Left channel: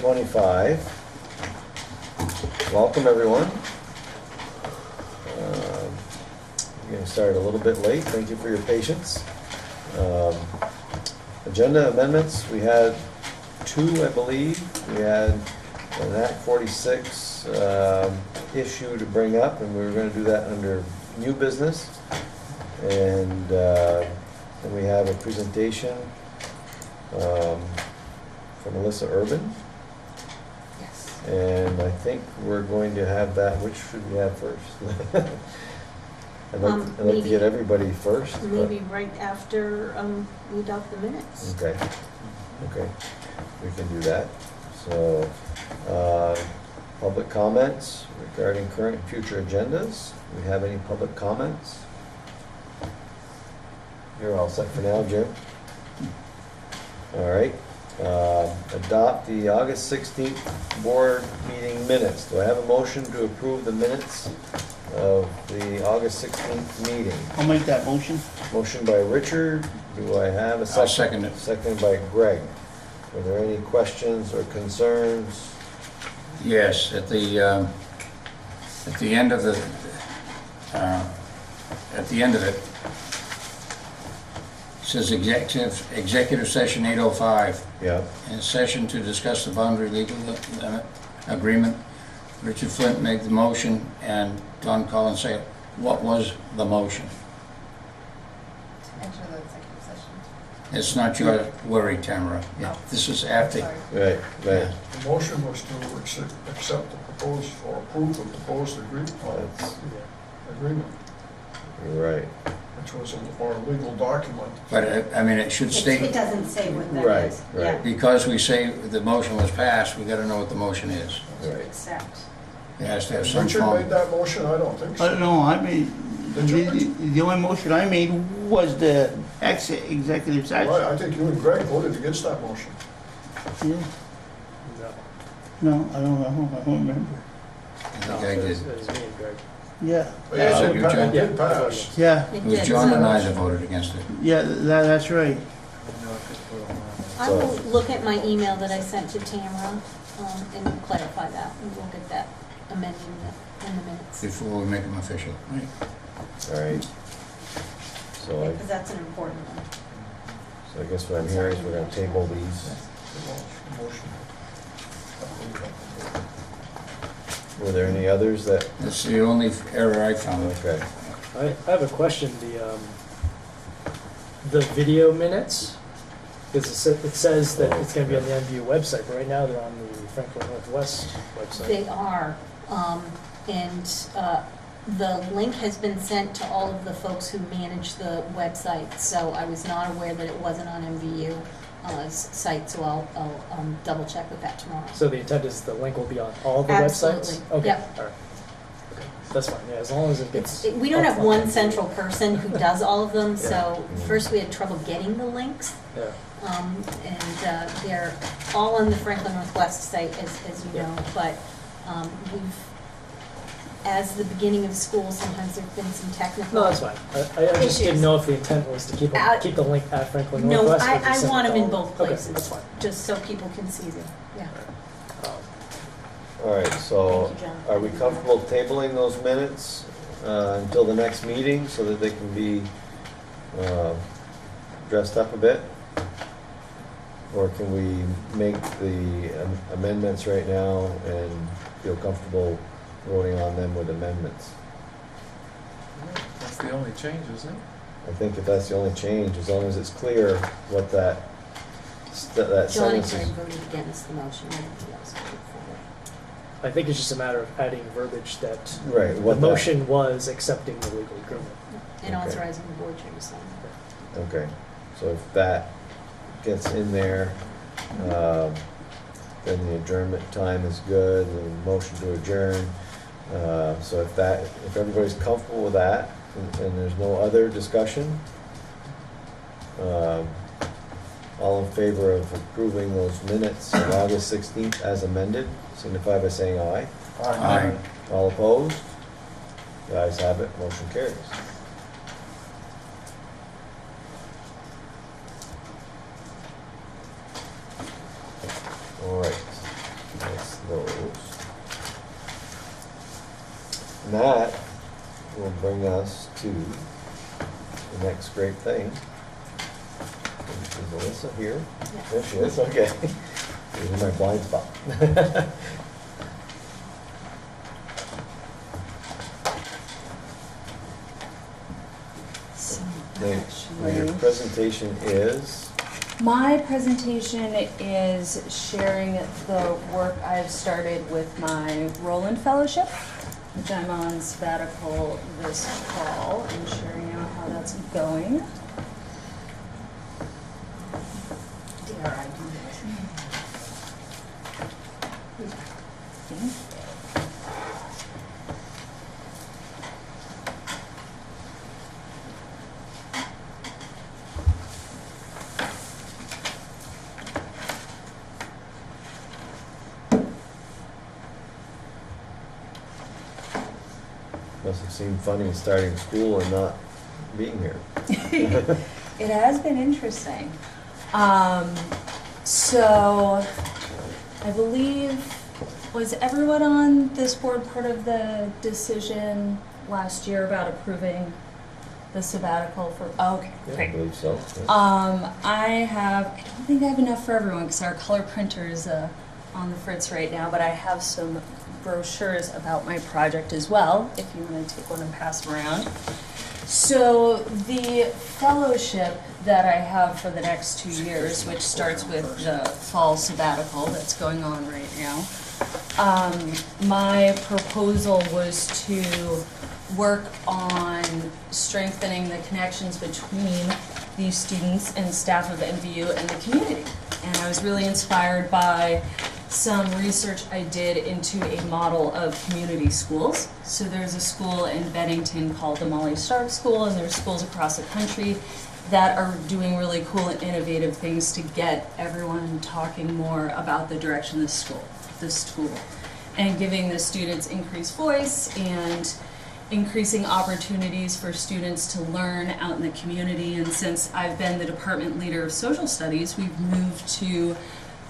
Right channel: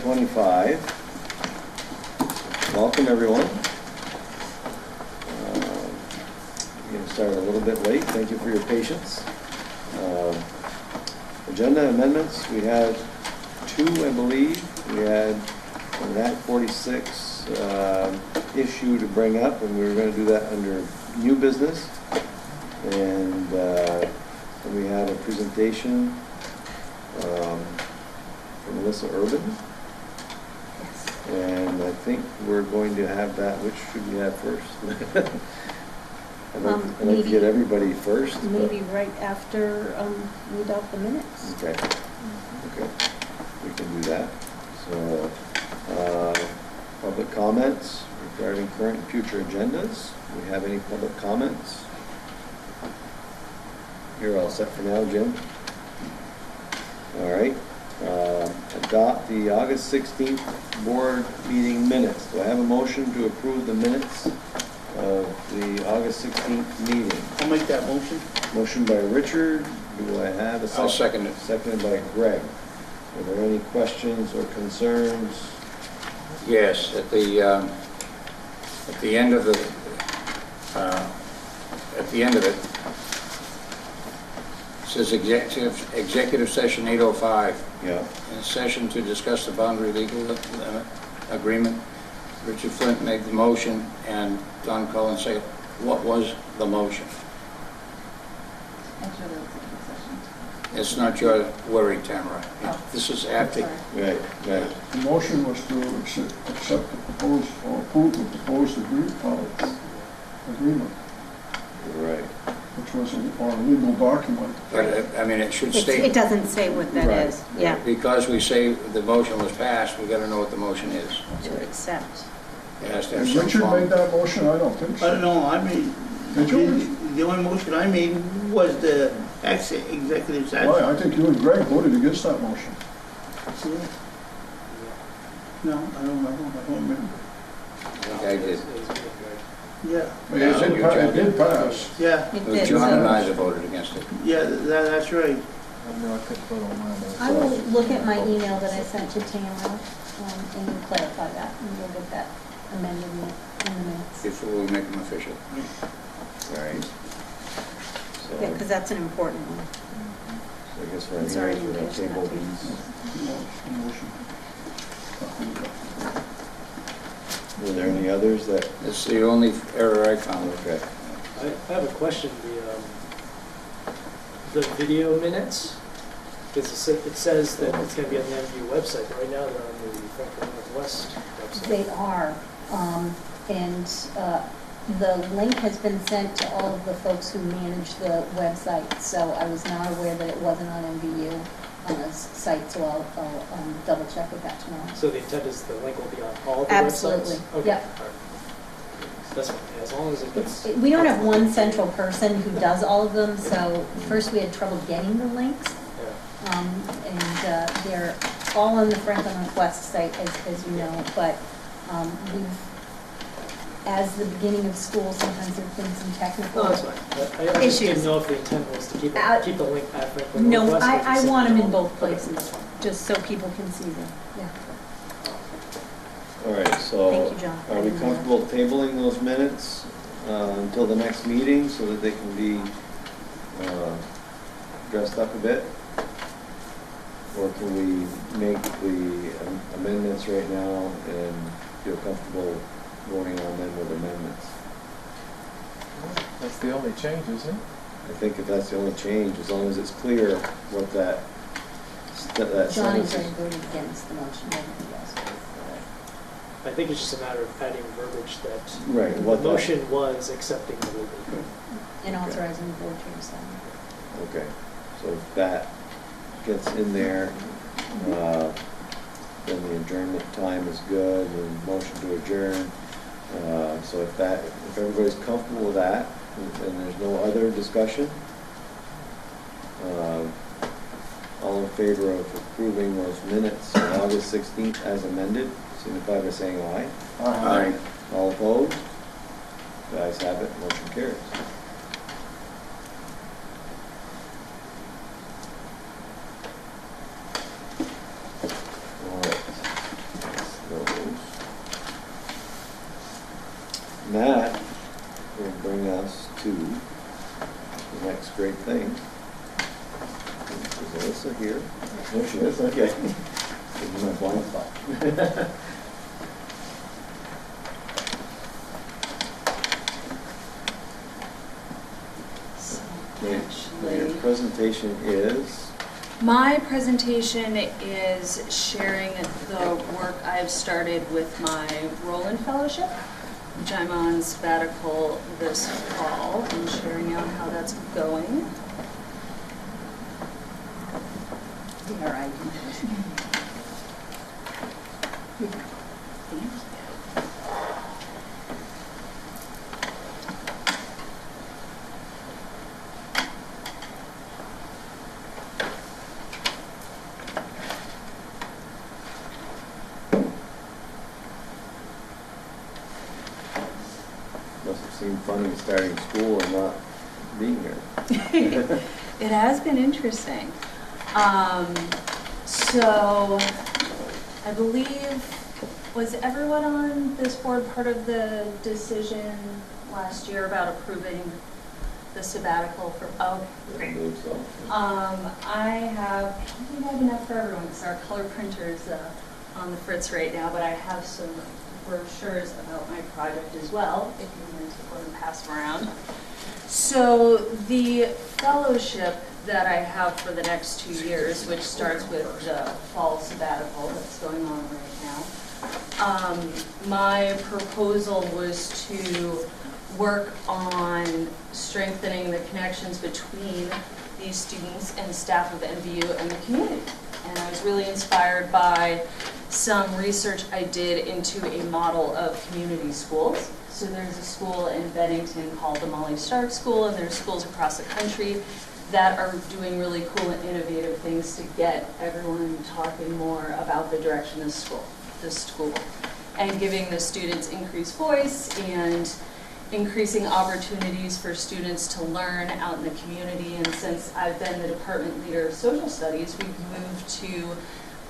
2025. Welcome, everyone. Getting started a little bit late. Thank you for your patience. Agenda amendments, we had 2, I believe. We had an Act 46 issue to bring up, and we were going to do that under new business. And we have a presentation from Melissa Urban. Yes. And I think we're going to have that. Which should we have first? I'd like to get everybody first. Maybe right after we adopt the minutes. Okay. Okay. We can do that. So, public comments regarding current and future agendas. Do we have any public comments? You're all set for now, Jim? All right. Adopt the August 16th board meeting minutes. Do I have a motion to approve the minutes of the August 16th meeting? I'll make that motion. Motion by Richard. Do I have a second? I'll second it. Seconded by Greg. Are there any questions or concerns? Yes, at the end of it, it says executive session 8:05. Yeah. In session to discuss the boundary legal agreement. Richard Flint made the motion and Don Collins said, what was the motion? After the executive session. It's not your worry, Tamara. This is after. Right, right. The motion was to accept the proposed, or approve the proposed agreement, Right. which was our legal document. But, I mean, it should It state, doesn't say what that Right, is. right. Yeah. because we say the motion was passed, we gotta know what the motion is. To Right. accept. It has to have some Richard form. made that motion? I don't think so. No, I mean, Did you? the only motion I made was the executive session. Well, I think you and Greg voted against that motion. No, I don't remember. I did. Yeah, Yeah, so It you tried- did pass. yeah, It It was did, John and so I that voted against it. yeah, that's right. I will look at my email that I sent to Tamara and we'll clarify that, and we'll get that amended in the minutes. Before we make them official. Right. So, Yeah, because that's an important one. so I guess what I'm hearing is we're going to table these. Were there any others that? That's the only error I found. Okay. I have a question. The video minutes, it says that it's going to be on the MVU website, but right now they're on the Franklin Northwest website. They are, and the link has been sent to all of the folks who manage the website, so I was not aware that it wasn't on MVU site, so I'll double check with that tomorrow. So the intent is the link will be on all the Absolutely, websites? Okay, yep. all right. That's fine, yeah, as long as it gets... We don't have one central person who does all of them, so first we had trouble getting the links, Yeah. and they're all on the Franklin Northwest site, as you know, but as the beginning of school, sometimes there've been some technical. No, that's fine. I just didn't Issues. know if the intent was to keep the link at Franklin No, Northwest. or I just want them in send it all. both Okay, places, that's fine. just so people can see them, yeah. All right, so Thank you, John. are we comfortable tabling those minutes until the next meeting so that they can be dressed up a bit? Or can we make the amendments right now and feel comfortable voting on them with amendments? That's the only change, isn't it? I think if that's the only change, as long as it's clear what that John sentence is is. voting against the motion, everything else goes I think it's just a matter of adding verbiage that Right, the what that, motion was accepting the legal agreement. and Okay. authorizing the board to rescind. okay, so if that gets in there, then the adjournment time is good, the motion to adjourn. So if everybody's comfortable with that, and there's no other discussion, all in favor of approving those minutes on August 16th as amended, signify by saying aye. Aye. All opposed? The ayes have it, motion carries. All right. will bring us to the next great thing. Is Alyssa here? There she is, okay. This is my blind spot. Your presentation is? My presentation is sharing the work I have started with my Roland Fellowship, which I'm on sabbatical this fall, and sharing out how that's going. Dare I do this? Must have seemed funny starting school and not being here. It has been interesting. So I believe, was everyone on this board part of the decision last year about approving the sabbatical for, okay, I great. believe so. I don't think I have enough for everyone because our color printer is on the fritz right now, but I have some brochures about my project as well, if you want to take one and pass them around. So the fellowship that I have for the next 2 years, which starts with the fall sabbatical that's going on right now, my proposal was to work on strengthening the connections between these students and staff of MVU and the community. And I was really inspired by some research I did into a model of community schools. So there's a school in Bennington called the Molly Stark School, and there's schools across the country that are doing really cool and innovative things to get everyone talking more about the direction this school, and giving the students increased voice and increasing opportunities for students to learn out in the community. And since I've been the department leader of social studies, we've moved to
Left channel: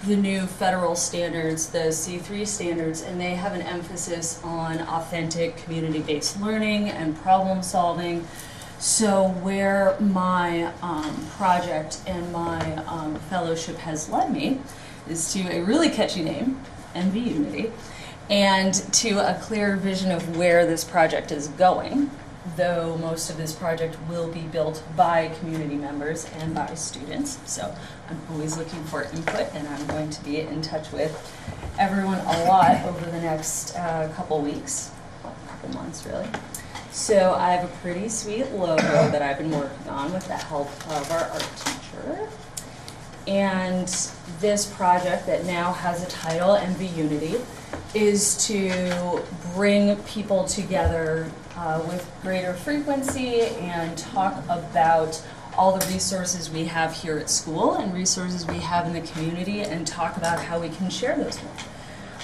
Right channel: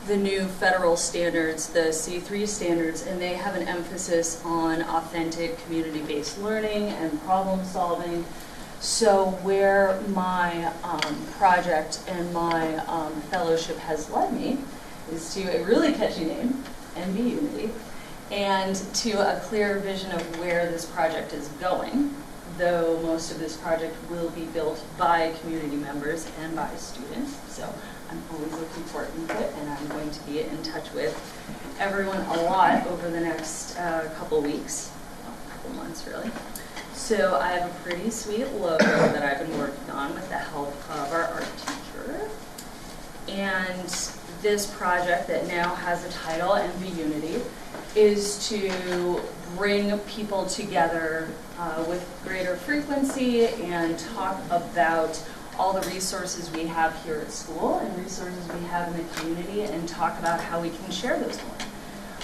the new federal standards, the C3 standards, and they have an emphasis on authentic community-based learning and problem solving. So where my project and my fellowship has led me is to a really catchy name, MVU, and to a clear vision of where this project is going, though most of this project will be built by community members and by students. So I'm always looking for input, and I'm going to be in touch with everyone a lot over the next couple weeks, well, couple months really. So I have a pretty sweet logo that I've been working on with the help of our art teacher. And this project that now has a title, MVU, is to bring people together with greater frequency and talk about all the resources we have here at school and resources we have in the community, and talk about how we can share those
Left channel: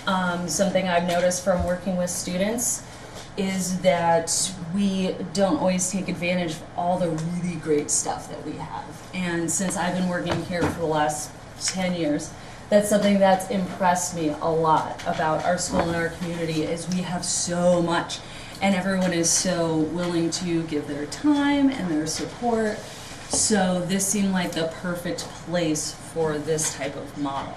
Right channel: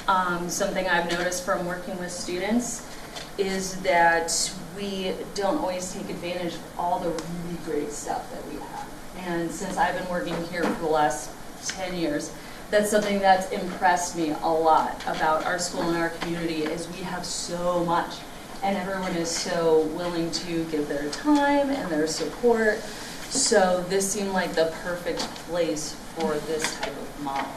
more. Something I've noticed from working with students is that we don't always take advantage of all the really great stuff that we have. And since I've been working here for the last 10 years, that's something that's impressed me a lot about our school and our community, is we have so much, and everyone is so willing to give their time and their support. So this seemed like the perfect place for this type of model.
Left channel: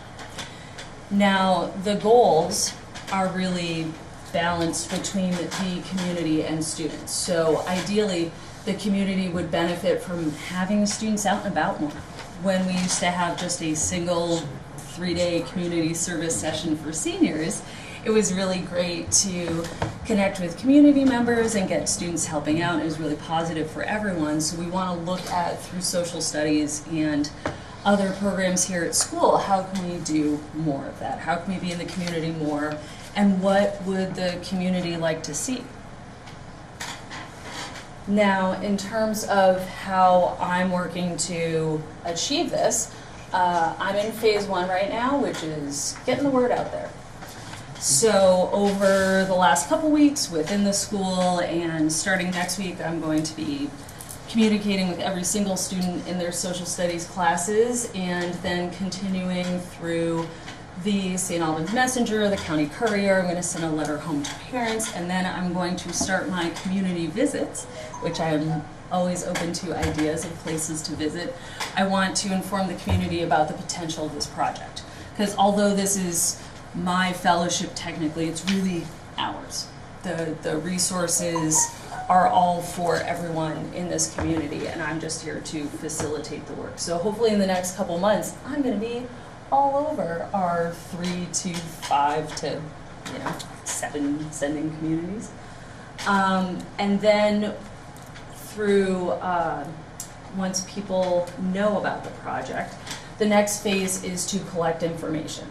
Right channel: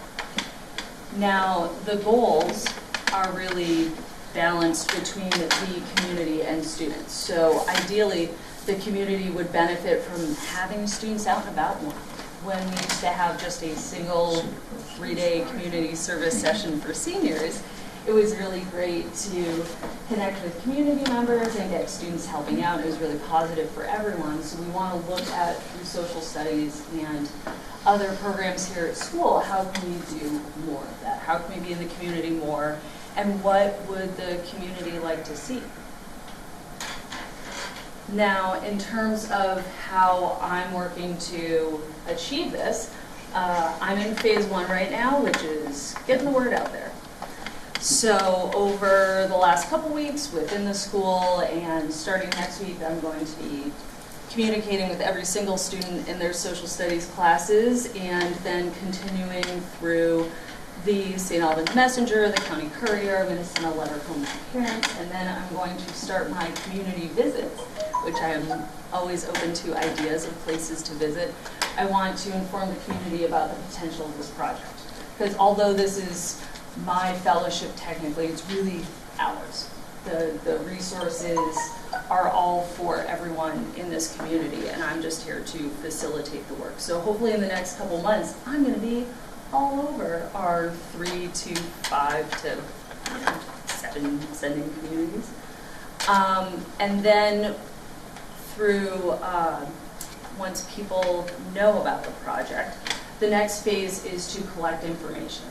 Now, the goals are really balanced between the community and students. So ideally, the community would benefit from having students out and about more. When we used to have just a single 3-day community service session for seniors, it was really great to connect with community members and get students helping out. It was really positive for everyone. So we want to look at, through social studies and other programs here at school, how can we do more of that? How can we be in the community more? And what would the community like to see? Now, in terms of how I'm working to achieve this, I'm in phase 1 right now, which is getting the word out there. So over the last couple weeks within the school, and starting next week, I'm going to be communicating with every single student in their social studies classes, and then continuing through the St. Albans Messenger, the County Courier. I'm going to send a letter home to parents, and then I'm going to start my community visits, which I am always open to ideas of places to visit. I want to inform the community about the potential of this project, because although this is my fellowship technically, it's really ours. The resources are all for everyone in this community, and I'm just here to facilitate the work. So hopefully in the next couple months, I'm going to be all over our 3 to 5 to 7 sending communities. And then through, once people know about the project, the next phase is to collect information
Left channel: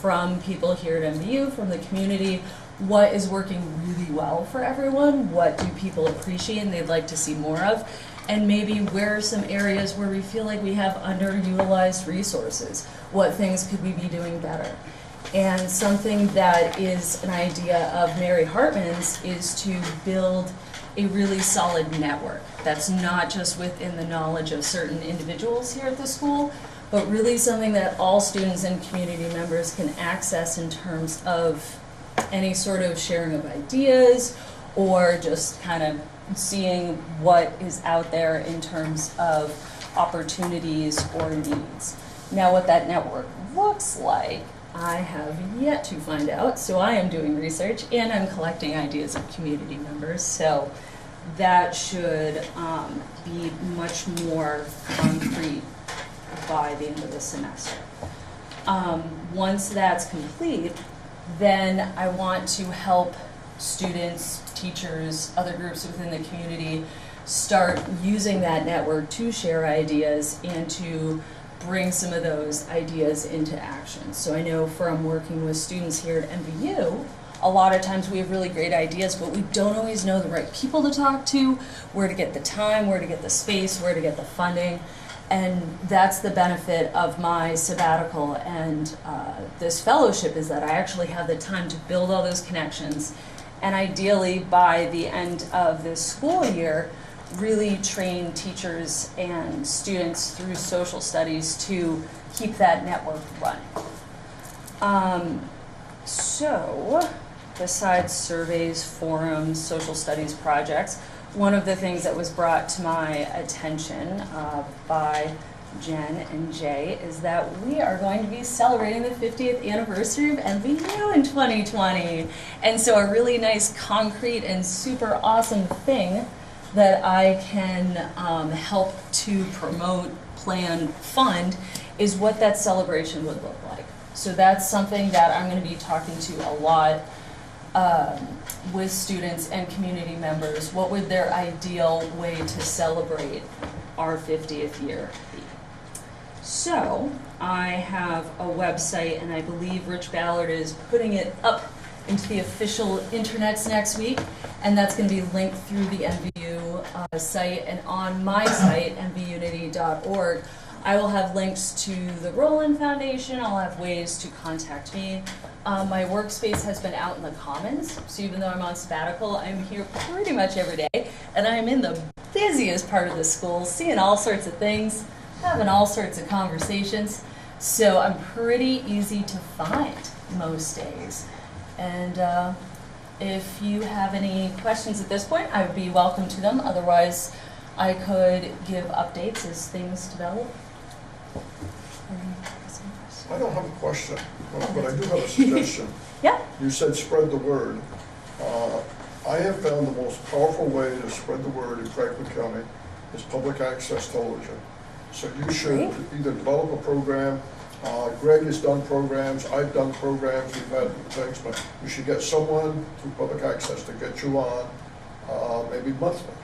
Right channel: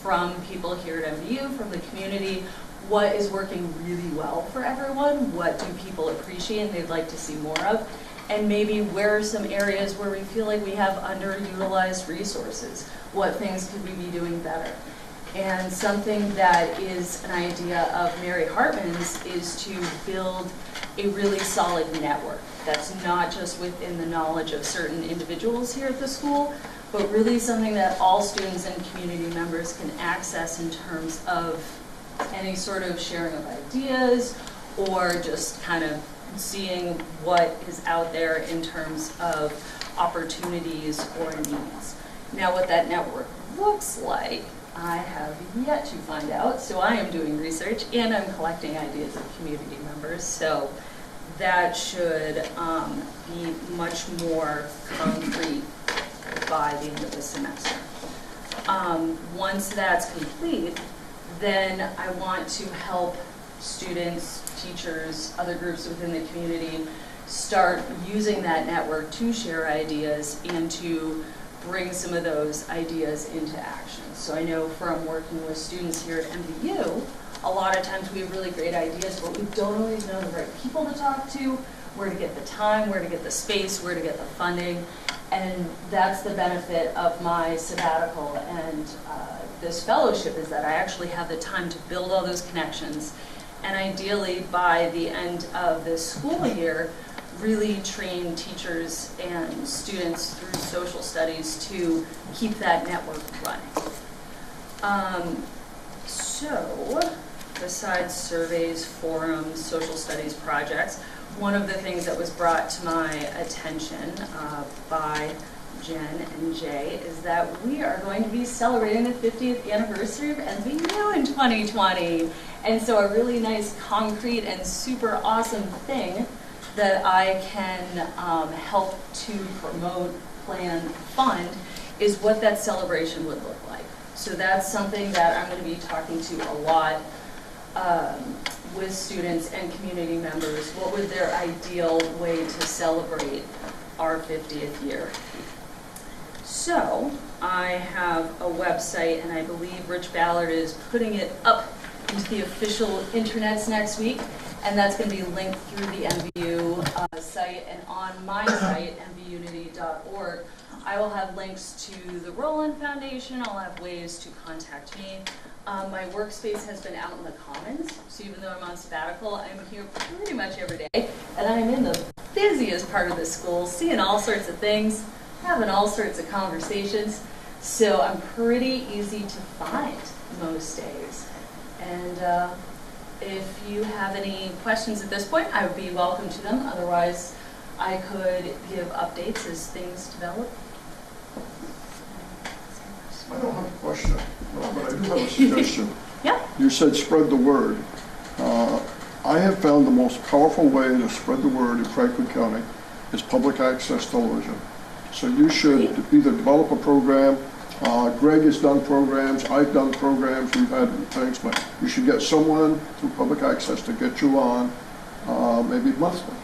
from people here at MVU, from the community. What is working really well for everyone? What do people appreciate and they'd like to see more of? And maybe where are some areas where we feel like we have underutilized resources? What things could we be doing better? And something that is an idea of Mary Hartman's is to build a really solid network that's not just within the knowledge of certain individuals here at the school, but really something that all students and community members can access in terms of any sort of sharing of ideas or just kind of seeing what is out there in terms of opportunities or needs. Now, what that network looks like, I have yet to find out, so I am doing research and I'm collecting ideas of community members, so that should be much more concrete by the end of the semester. Once that's complete, then I want to help students, teachers, other groups within the community start using that network to share ideas and to bring some of those ideas into action. So I know from working with students here at MVU, a lot of times we have really great ideas, but we don't always know the right people to talk to, where to get the time, where to get the space, where to get the funding. And that's the benefit of my sabbatical and this fellowship, is that I actually have the time to build all those connections, and ideally by the end of this school year, really train teachers and students through social studies to keep that network running. So, besides surveys, forums, social studies projects, one of the things that was brought to my attention by Jen and Jay is that we are going to be celebrating the 50th anniversary of MVU in 2020. And so a really nice, concrete, and super awesome thing that I can help to promote, plan, fund is what that celebration would look like. So that's something that I'm going to be talking to a lot with students and community members. What would their ideal way to celebrate our 50th year be? So I have a website, and I believe Rich Ballard is putting it up into the official internets next week, and that's going to be linked through the MVU site, and on my site, mvunity.org, I will have links to the Roland Foundation. I'll have ways to contact me. My workspace has been out in the Commons, so even though I'm on sabbatical, I'm here pretty much every day, and I'm in the busiest part of the school, seeing all sorts of things, having all sorts of conversations, so I'm pretty easy to find most days. And if you have any questions at this point, I would be welcome to them. Otherwise, I could give updates as things develop. I don't have a question, but I do have a suggestion. Yeah. You said spread the word. I have found the most powerful way to spread the word in Franklin County is public access television. So you should either develop a program. Greg has done programs, I've done programs, we've had things, but you should get someone through public access to get you on, maybe monthly.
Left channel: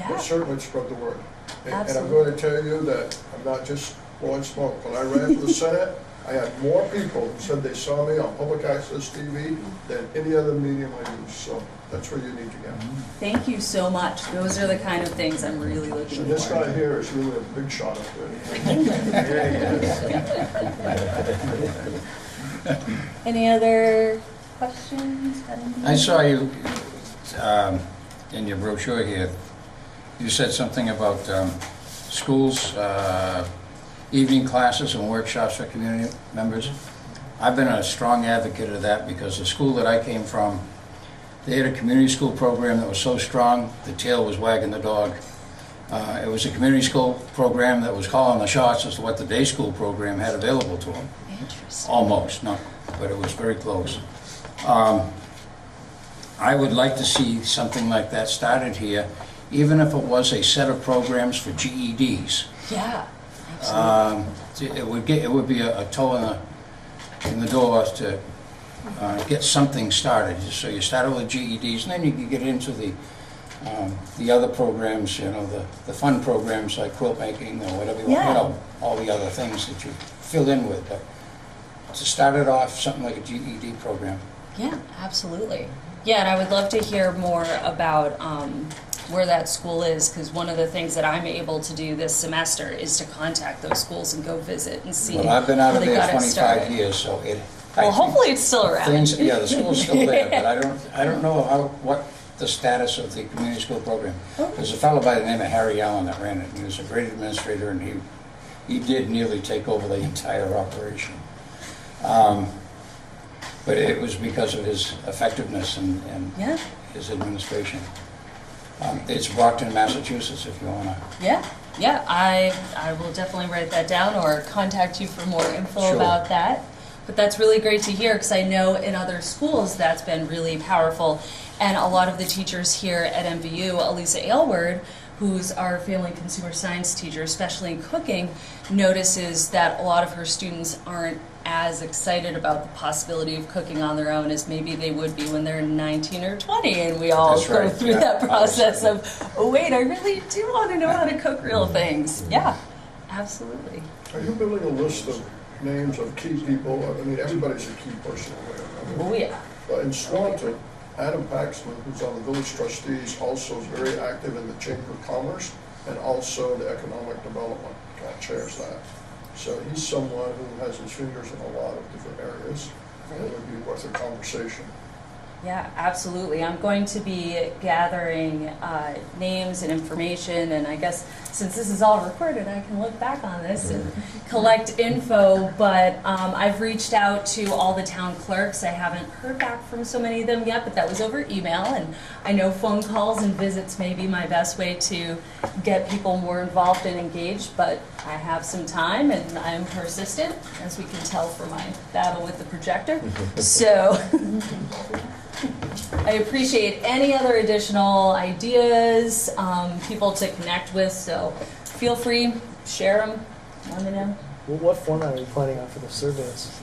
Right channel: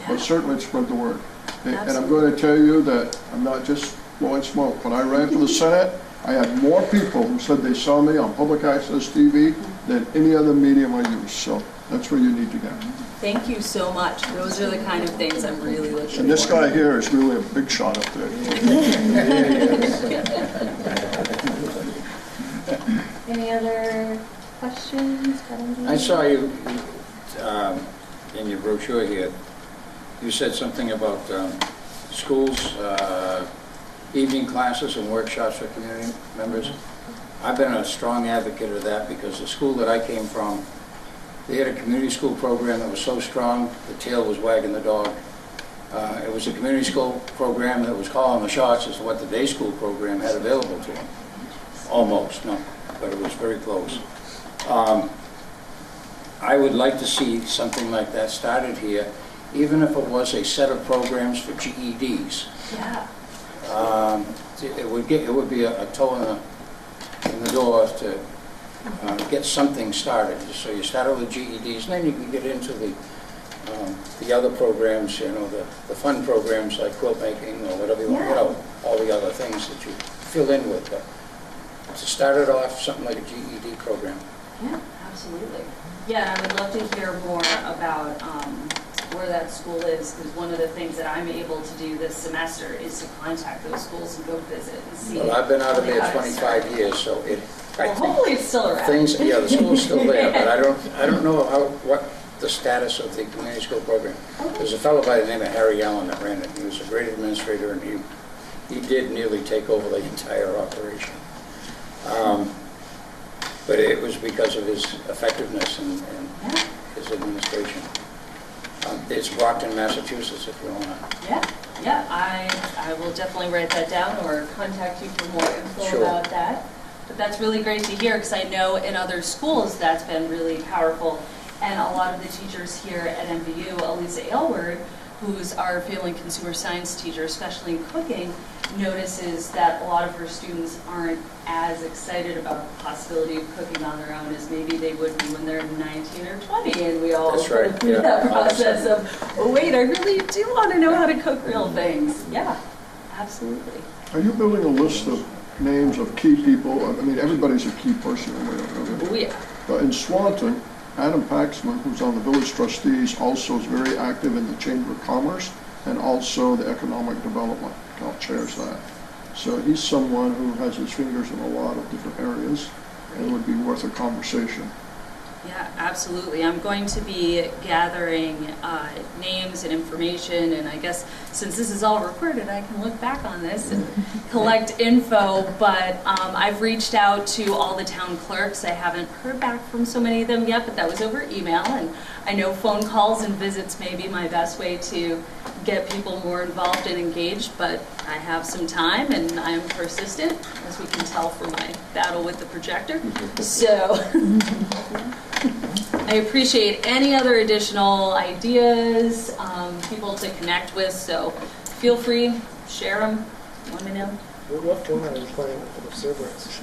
Yeah. But certainly spread the word. And I'm Absolutely. going to tell you that I'm not just blowing smoke. When I ran for the Senate, I had more people who said they saw me on public access TV than any other medium I use. So that's where you need to get. Thank you so much. Those are the kind of things I'm really looking for. And this guy here is really a big shot up there. Any other questions? I saw you in your brochure here. You said something about schools, evening classes and workshops for community members. I've been a strong advocate of that because the school that I came from, they had a community school program that was so strong, the tail was wagging the dog. It was a community school program that was calling the shots as to what the day school program had available to them. Almost, no, but it was very close. I would like to see something like that started here, even if it was a set of programs for GEDs. Yeah. It would be a toe in the door to get something started. So you start with the GEDs, and then you can get into the other programs, you know, the fun programs like quilt making or whatever, you know, all the other things that you fill in with. But to start it off, something like a GED program. Yeah, absolutely. Yeah, and I would love to hear more about where that school is, because one of the things that I'm able to do this semester is to contact those schools and go visit and see. Well, I've been out how of they there got it 25 started. years, so I Well, think hopefully it's still around. things, yeah, the school's still there, but I don't know what the status of the community school program. There's a fellow by the name of Harry Allen that ran it. He was a great administrator, and he did nearly take over the entire operation. But it was because of his effectiveness and Yeah, his administration. It's Brockton, Massachusetts, if you want to. yeah, I will definitely write that down or contact you for more info Sure. about that. But that's really great to hear, because I know in other schools that's been really powerful. And a lot of the teachers here at MVU, Elisa Aylward, who's our family and consumer science teacher, especially in cooking, notices that a lot of her students aren't as excited about the possibility of cooking on their own as maybe they would be when they're 19 or 20, and we all That's go right, through yeah. that process of, oh wait, I really do want to know how to cook real things. Yeah, absolutely. Are you building a list of names of key people? I mean, everybody's a key person in there. Oh yeah. But in Swanton, Adam Paxman, who's on the village trustees, also is very active in the Chamber of Commerce and also the Economic Development, chairs that. So he's someone who has his fingers in a lot of different areas and would be worth a conversation. Yeah, absolutely. I'm going to be gathering names and information, and I guess since this is all recorded, I can look back on this and collect info, but I've reached out to all the town clerks. I haven't heard back from so many of them yet, but that was over email, and I know phone calls and visits may be my best way to get people more involved and engaged, but I have some time, and I'm persistent, as we can tell from my battle with the projector. So I appreciate any other additional ideas, people to connect with, so feel free, share them, let me know. What format are you planning on for the surveys?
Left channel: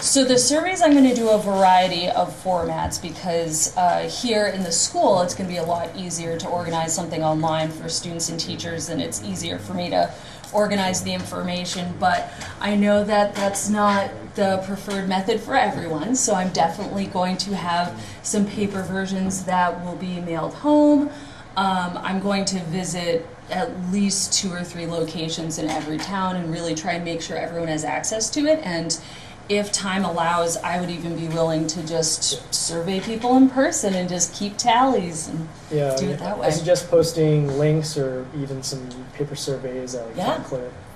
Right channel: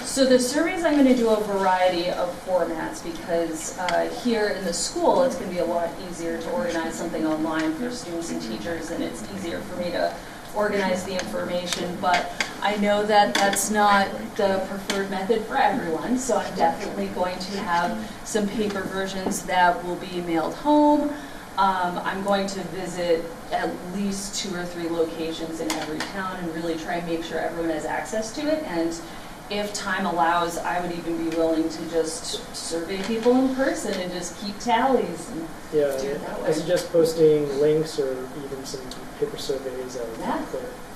So the surveys, I'm going to do a variety of formats because here in the school, it's going to be a lot easier to organize something online for students and teachers, and it's easier for me to organize the information, but I know that that's not the preferred method for everyone, so I'm definitely going to have some paper versions that will be mailed home. I'm going to visit at least 2 or 3 locations in every town and really try and make sure everyone has access to it, and if time allows, I would even be willing to just survey people in person and just keep tallies and Yeah, do it that way. I suggest posting links or even some paper surveys at Yeah.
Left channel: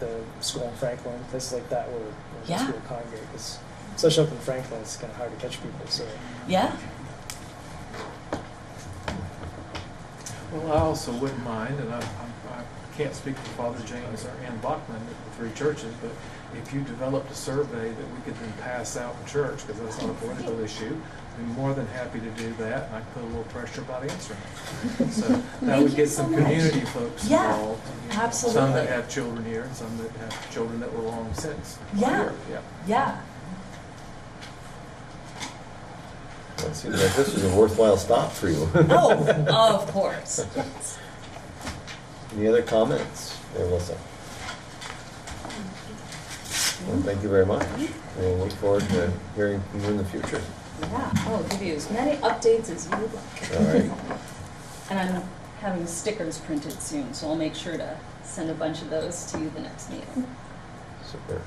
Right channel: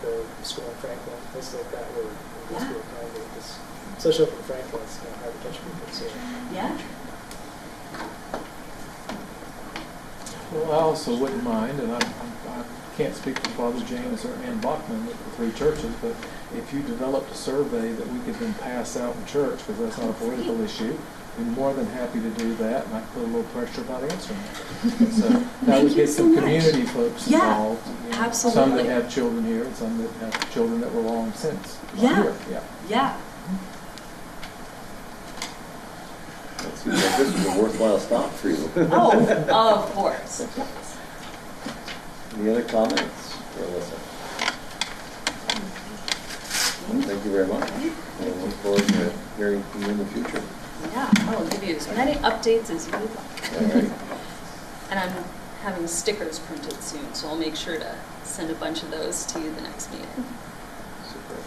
the school in Franklin, places like that where Yeah. people congregate. Because especially up in Franklin, it's kind of hard to catch people. So Yeah. Well, I also wouldn't mind, and I can't speak for Father James or Ann Bachman at the 3 churches, but if you developed a survey that we could then pass out in church, because that's not a political issue, I'd be more than happy to do that, and I put a little pressure about answering it. So that Thank would you get so some much. community folks Yeah, involved. Some that absolutely. have children here, and some that have children that were long since Yeah. here. Yeah. Yeah. That seems like this is a worthwhile stop for you. Oh, of course. Any other comments for Alyssa? Well, thank you very much, and we look forward to hearing from you in the future. Yeah, I'll give you as many updates as you would like. All right. And I'm having stickers printed soon, so I'll make sure to send a bunch of those to you the next meeting. Super.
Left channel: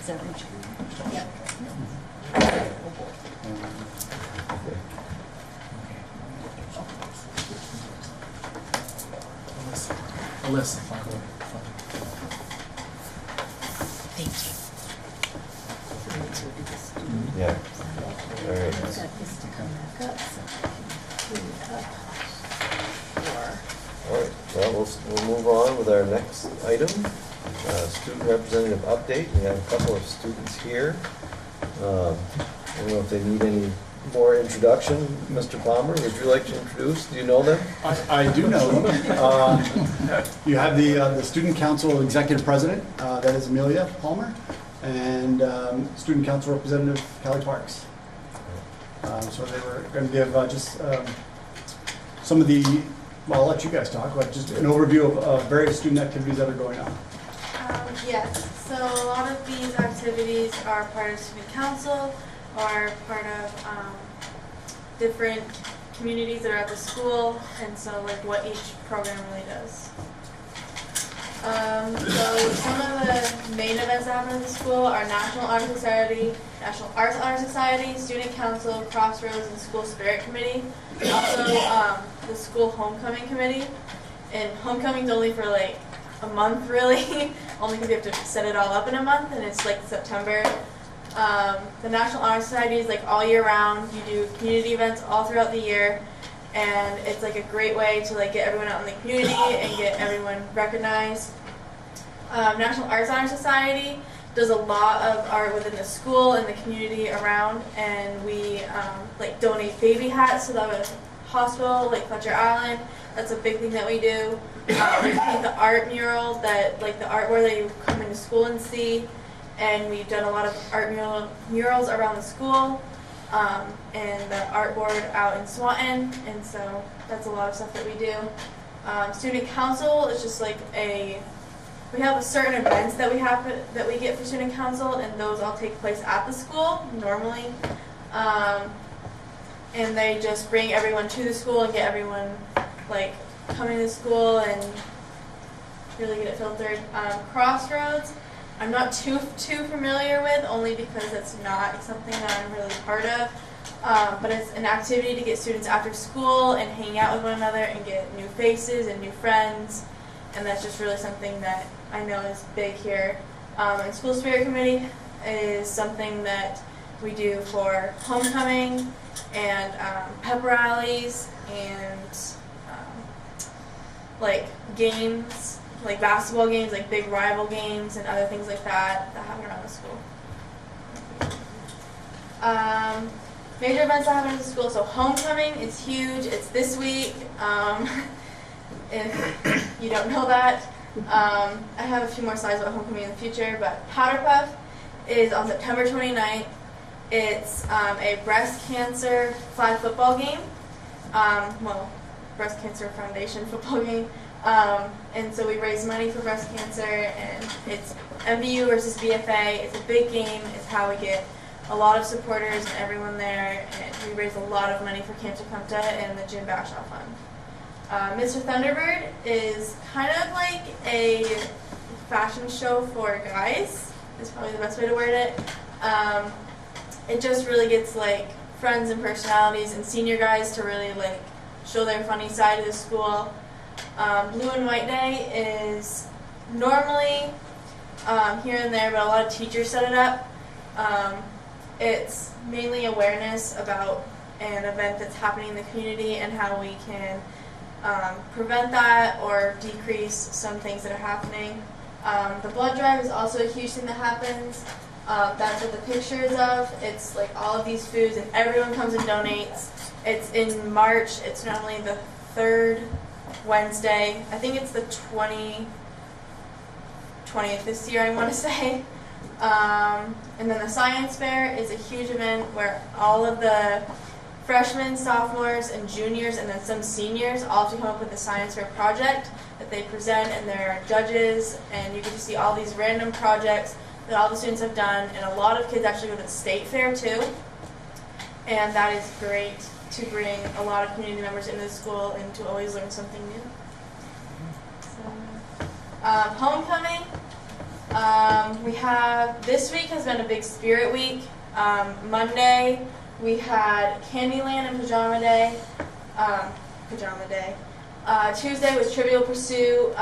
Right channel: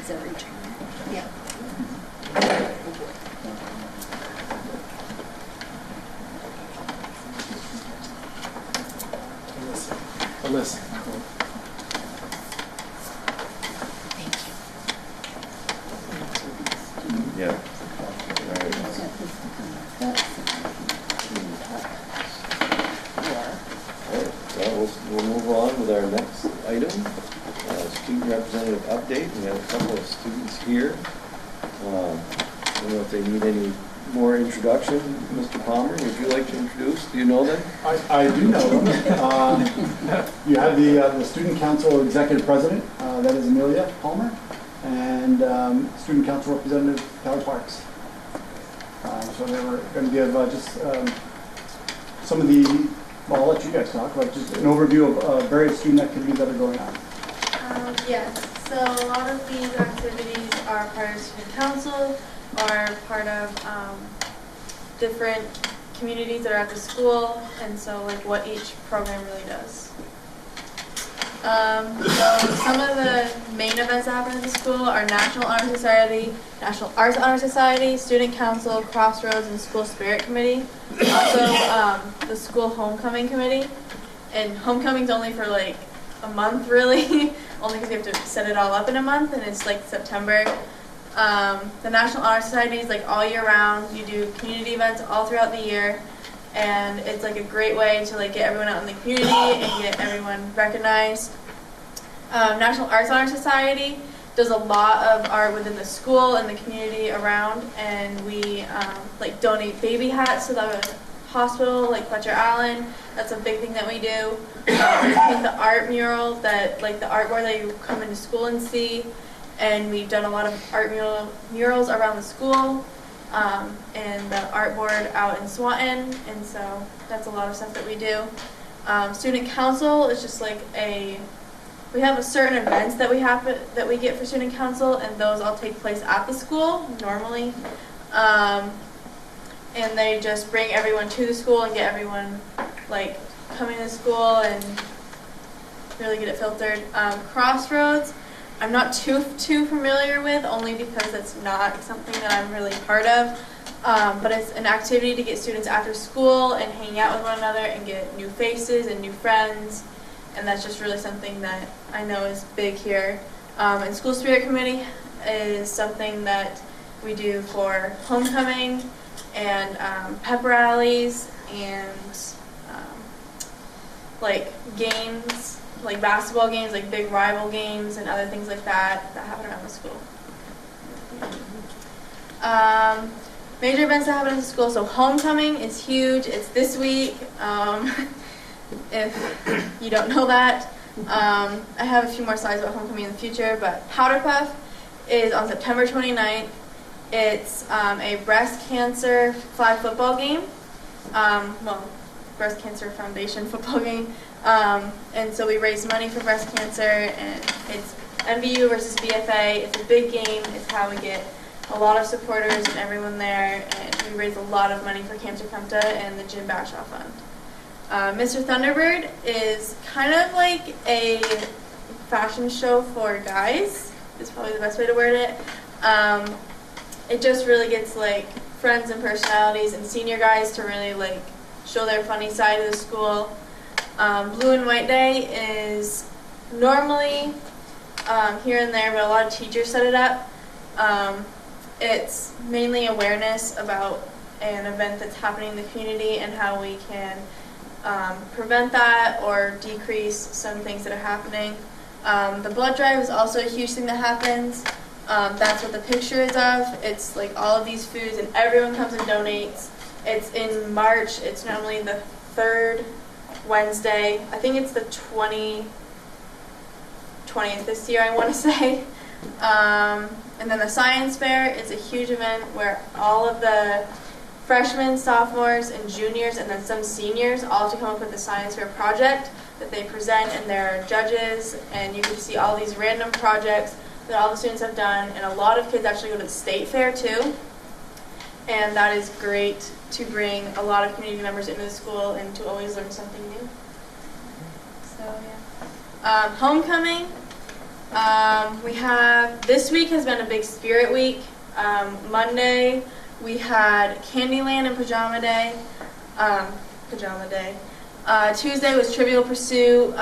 Is that Richard? Yeah. Alyssa. Yeah. All right. All right, well, we'll move on with our next item, student representative update. We have a couple of students here. I don't know if they need any more introduction. Mr. Palmer, would you like to introduce? Do you know them? I do know them. You have the Student Council Executive President, that is Amelia Palmer, and Student Council Representative Kelly Parks. So they were going to give just some of the, well, I'll let you guys talk, but just an overview of various student activities that are going on. Yes, so a lot of these activities are part of student council, are part of different communities that are at the school, and so like what each program really does. So some of the main events that happen at the school are National Honor Society, National Arts Honor Society, Student Council, Crossroads, and the School Spirit Committee. Also the School Homecoming Committee, and homecoming's only for like a month really, only because we have to set it all up in a month, and it's like September. The National Honor Society is like all year round. You do community events all throughout the year, and it's like a great way to like get everyone out in the community and get everyone recognized. National Arts Honor Society does a lot of art within the school and the community around, and we like donate baby hats to the hospital, like Fletcher Allen. That's a big thing that we do. We paint the art mural that like the art where they come into school and see. And we've done a lot of art murals around the school, and the art board out in Swanton, and so that's a lot of stuff that we do. Student council is just like we have a certain events that we get for student council, and those all take place at the school normally. And they just bring everyone to the school and get everyone like coming to school and really get it filtered. Crossroads, I'm not too familiar with, only because it's not something that I'm really part of. But it's an activity to get students after school and hang out with one another and get new faces and new friends. And that's just really something that I know is big here. And School Spirit Committee is something that we do for homecoming and pep rallies and like games, like basketball games, like big rival games and other things like that happen around the school. Major events that happen in the school, so homecoming is huge. It's this week. If you don't know that, I have a few more slides about homecoming in the future, but Powder Puff is on September 29th. It's a breast cancer flag football game. Breast Cancer Foundation football game. And so we raise money for breast cancer, and it's MVU versus BFA. It's a big game. It's how we get a lot of supporters and everyone there, and we raise a lot of money for Camp Tecumseh and the Jim Bashaw Fund. Mr. Thunderbird is kind of like a fashion show for guys, is probably the best way to word it. It just really gets like friends and personalities and senior guys to really like show their funny side of the school. Blue and White Day is normally here and there, but a lot of teachers set it up. It's mainly awareness about an event that's happening in the community and how we can prevent that or decrease some things that are happening. The blood drive is also a huge thing that happens. That's what the picture is of. It's like all of these foods, and everyone comes and donates. It's in March. It's normally the third Wednesday. I think it's the 20th this year, I want to say. And then the science fair is a huge event where all of the freshmen, sophomores, and juniors, and then some seniors all have to come up with a science fair project that they present, and there are judges, and you can see all these random projects that all the students have done, and a lot of kids actually go to the state fair too. And that is great to bring a lot of community members into the school and to always learn something new. So yeah. Homecoming. We have, this week has been a big spirit week. Monday we had Candyland and Pajama Day. Tuesday was Trivial Pursuit.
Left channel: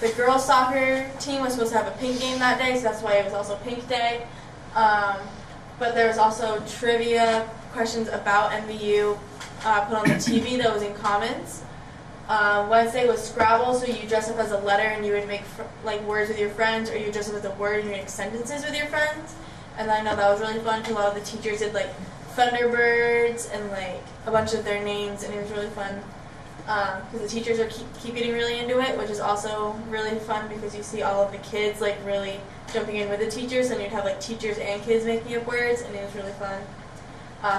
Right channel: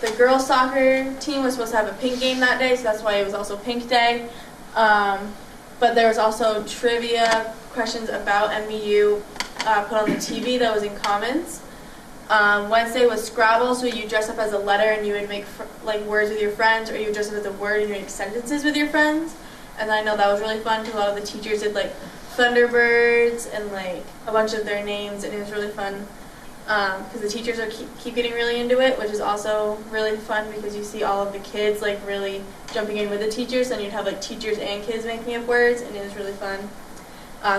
The girls soccer team was supposed to have a pink game that day, so that's why it was also Pink Day. but there was also trivia questions about MVU put on the TV that was in Commons. Wednesday was Scrabble, so you dress up as a letter and you would make like words with your friends, or you would dress up as a word and you make sentences with your friends. And I know that was really fun because a lot of the teachers did like Thunderbirds and like a bunch of their names, and it was really fun because the teachers are keep getting really into it, which is also really fun because you see all of the kids like really jumping in with the teachers, and you'd have like teachers and kids making up words, and it was really fun.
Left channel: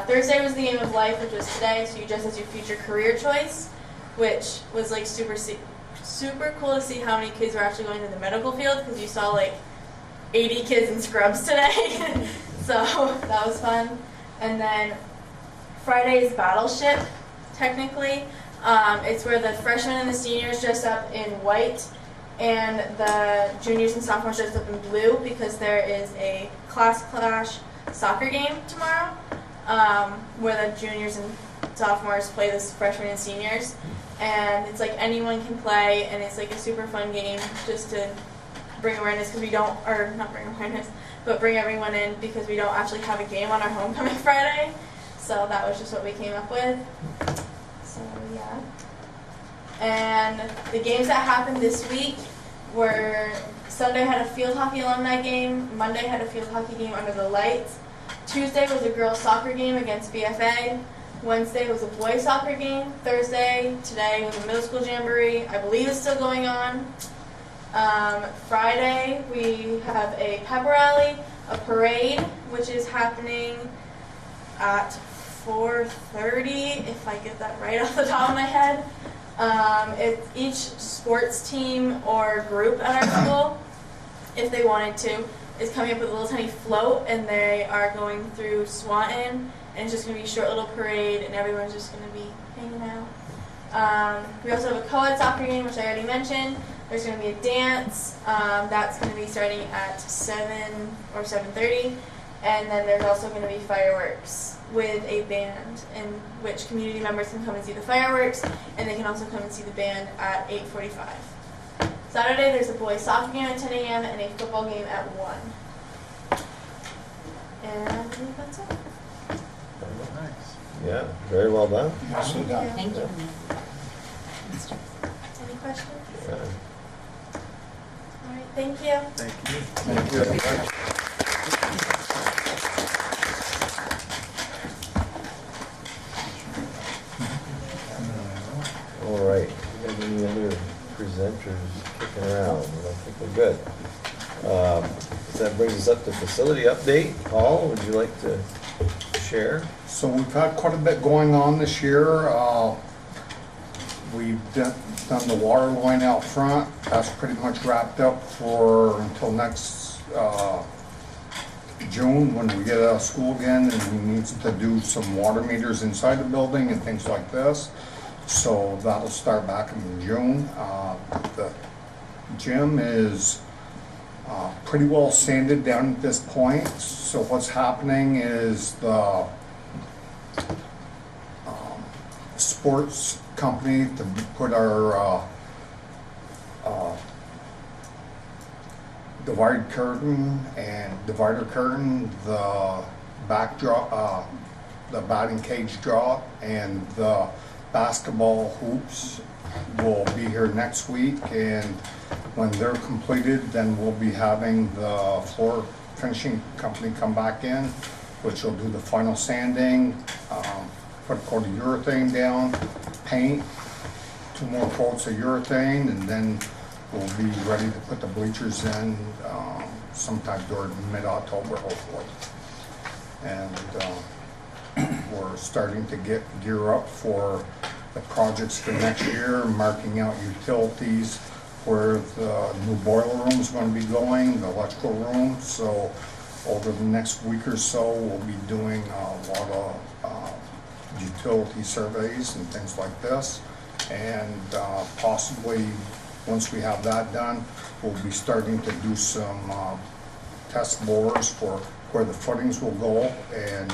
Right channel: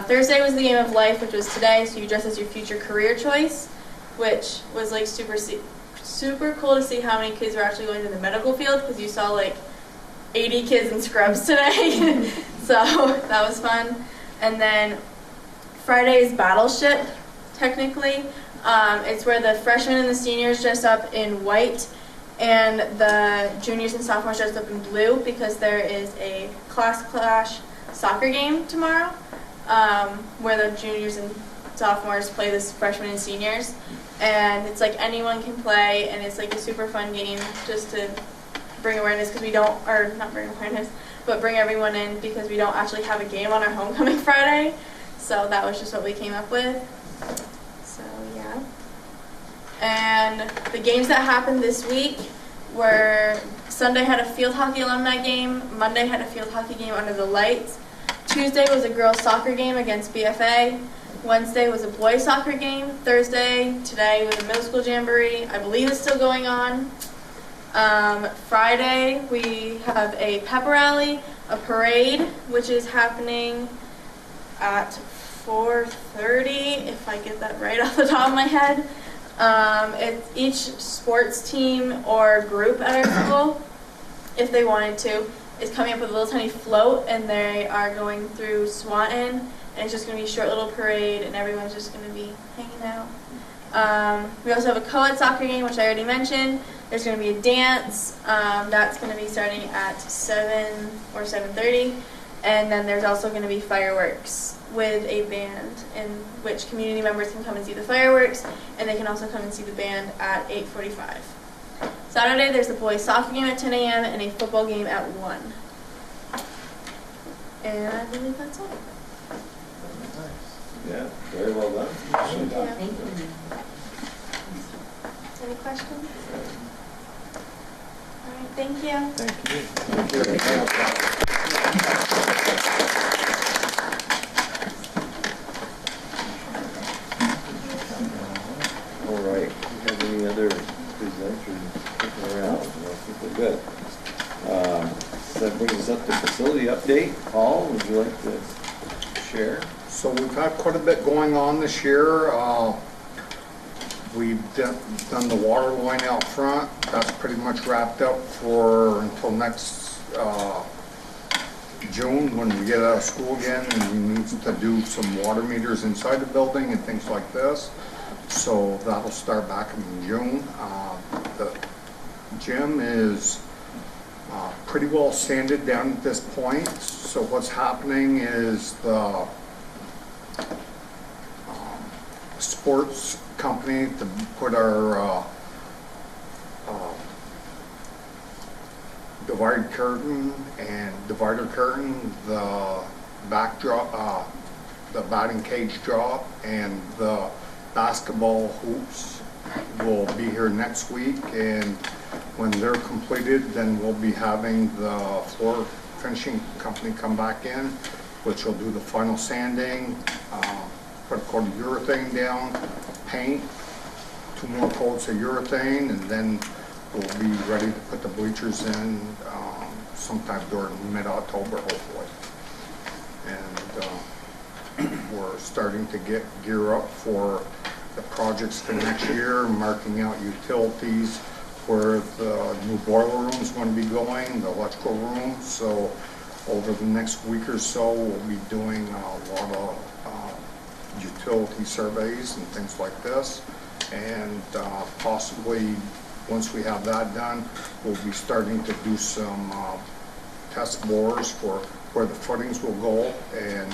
Thursday was the game of life, which was today, so you dress as your future career choice, which was like super cool to see how many kids were actually going to the medical field, because you saw like 80 kids in scrubs today. So that was fun. And then Friday's Battleship, technically. It's where the freshmen and the seniors dress up in white and the juniors and sophomores dress up in blue, because there is a class clash soccer game tomorrow where the juniors and sophomores play the freshmen and seniors. And it's like anyone can play, and it's like a super fun game just to bring awareness, because we don't, or not bring awareness, but bring everyone in, because we don't actually have a game on our homecoming Friday. So that was just what we came up with. So yeah. And the games that happened this week were Sunday had a field hockey alumni game, Monday had a field hockey game under the lights, Tuesday was a girls soccer game against BFA, Wednesday was a boys soccer game, Thursday, today was a middle school jamboree, I believe it's still going on. Friday we have a pep rally, a parade, which is happening at 4:30, if I get that right off the top of my head. It's each sports team or group at our school, if they wanted to, is coming up with a little tiny float, and they are going through Swanton, and it's just going to be a short little parade, and everyone's just going to be hanging out. We also have a co-ed soccer game, which I already mentioned. There's going to be a dance. That's going to be starting at 7 or 7:30, and then there's also going to be fireworks with a band, in which community members can come and see the fireworks, and they can also come and see the band at 8:45. Saturday, there's a boys soccer game at 10 a.m. and a football game at 1. And I believe that's all. Yeah, very well done. Thank you. Any questions? Yeah. All right, thank you. Thank you. All right, do you have any other presenters sticking around? I think we're good. That brings us up to facility update. Paul, would you like to share? So we've had quite a bit going on this year. We've done the water line out front. That's pretty much wrapped up for until next June, when we get out of school again, and we need to do some water meters inside the building and things like this. So that'll start back in June. The gym is pretty well sanded down at this point. So what's happening is the sports company to put our divider curtain, the backdrop, the batting cage drop, and the basketball hoops will be here next week, and when they're completed, then we'll be having the floor finishing company come back in, which will do the final sanding, put a coat of urethane down, paint, 2 more coats of urethane, and then we'll be ready to put the bleachers in sometime during mid-October, hopefully. And we're starting to get gear up for the projects for next year, marking out utilities, where the new boiler room is going to be going, the electrical room. So over the next week or so, we'll be doing a lot of utility surveys and things like this. And possibly, once we have that done, we'll be starting to do some test bores for where the footings will go. And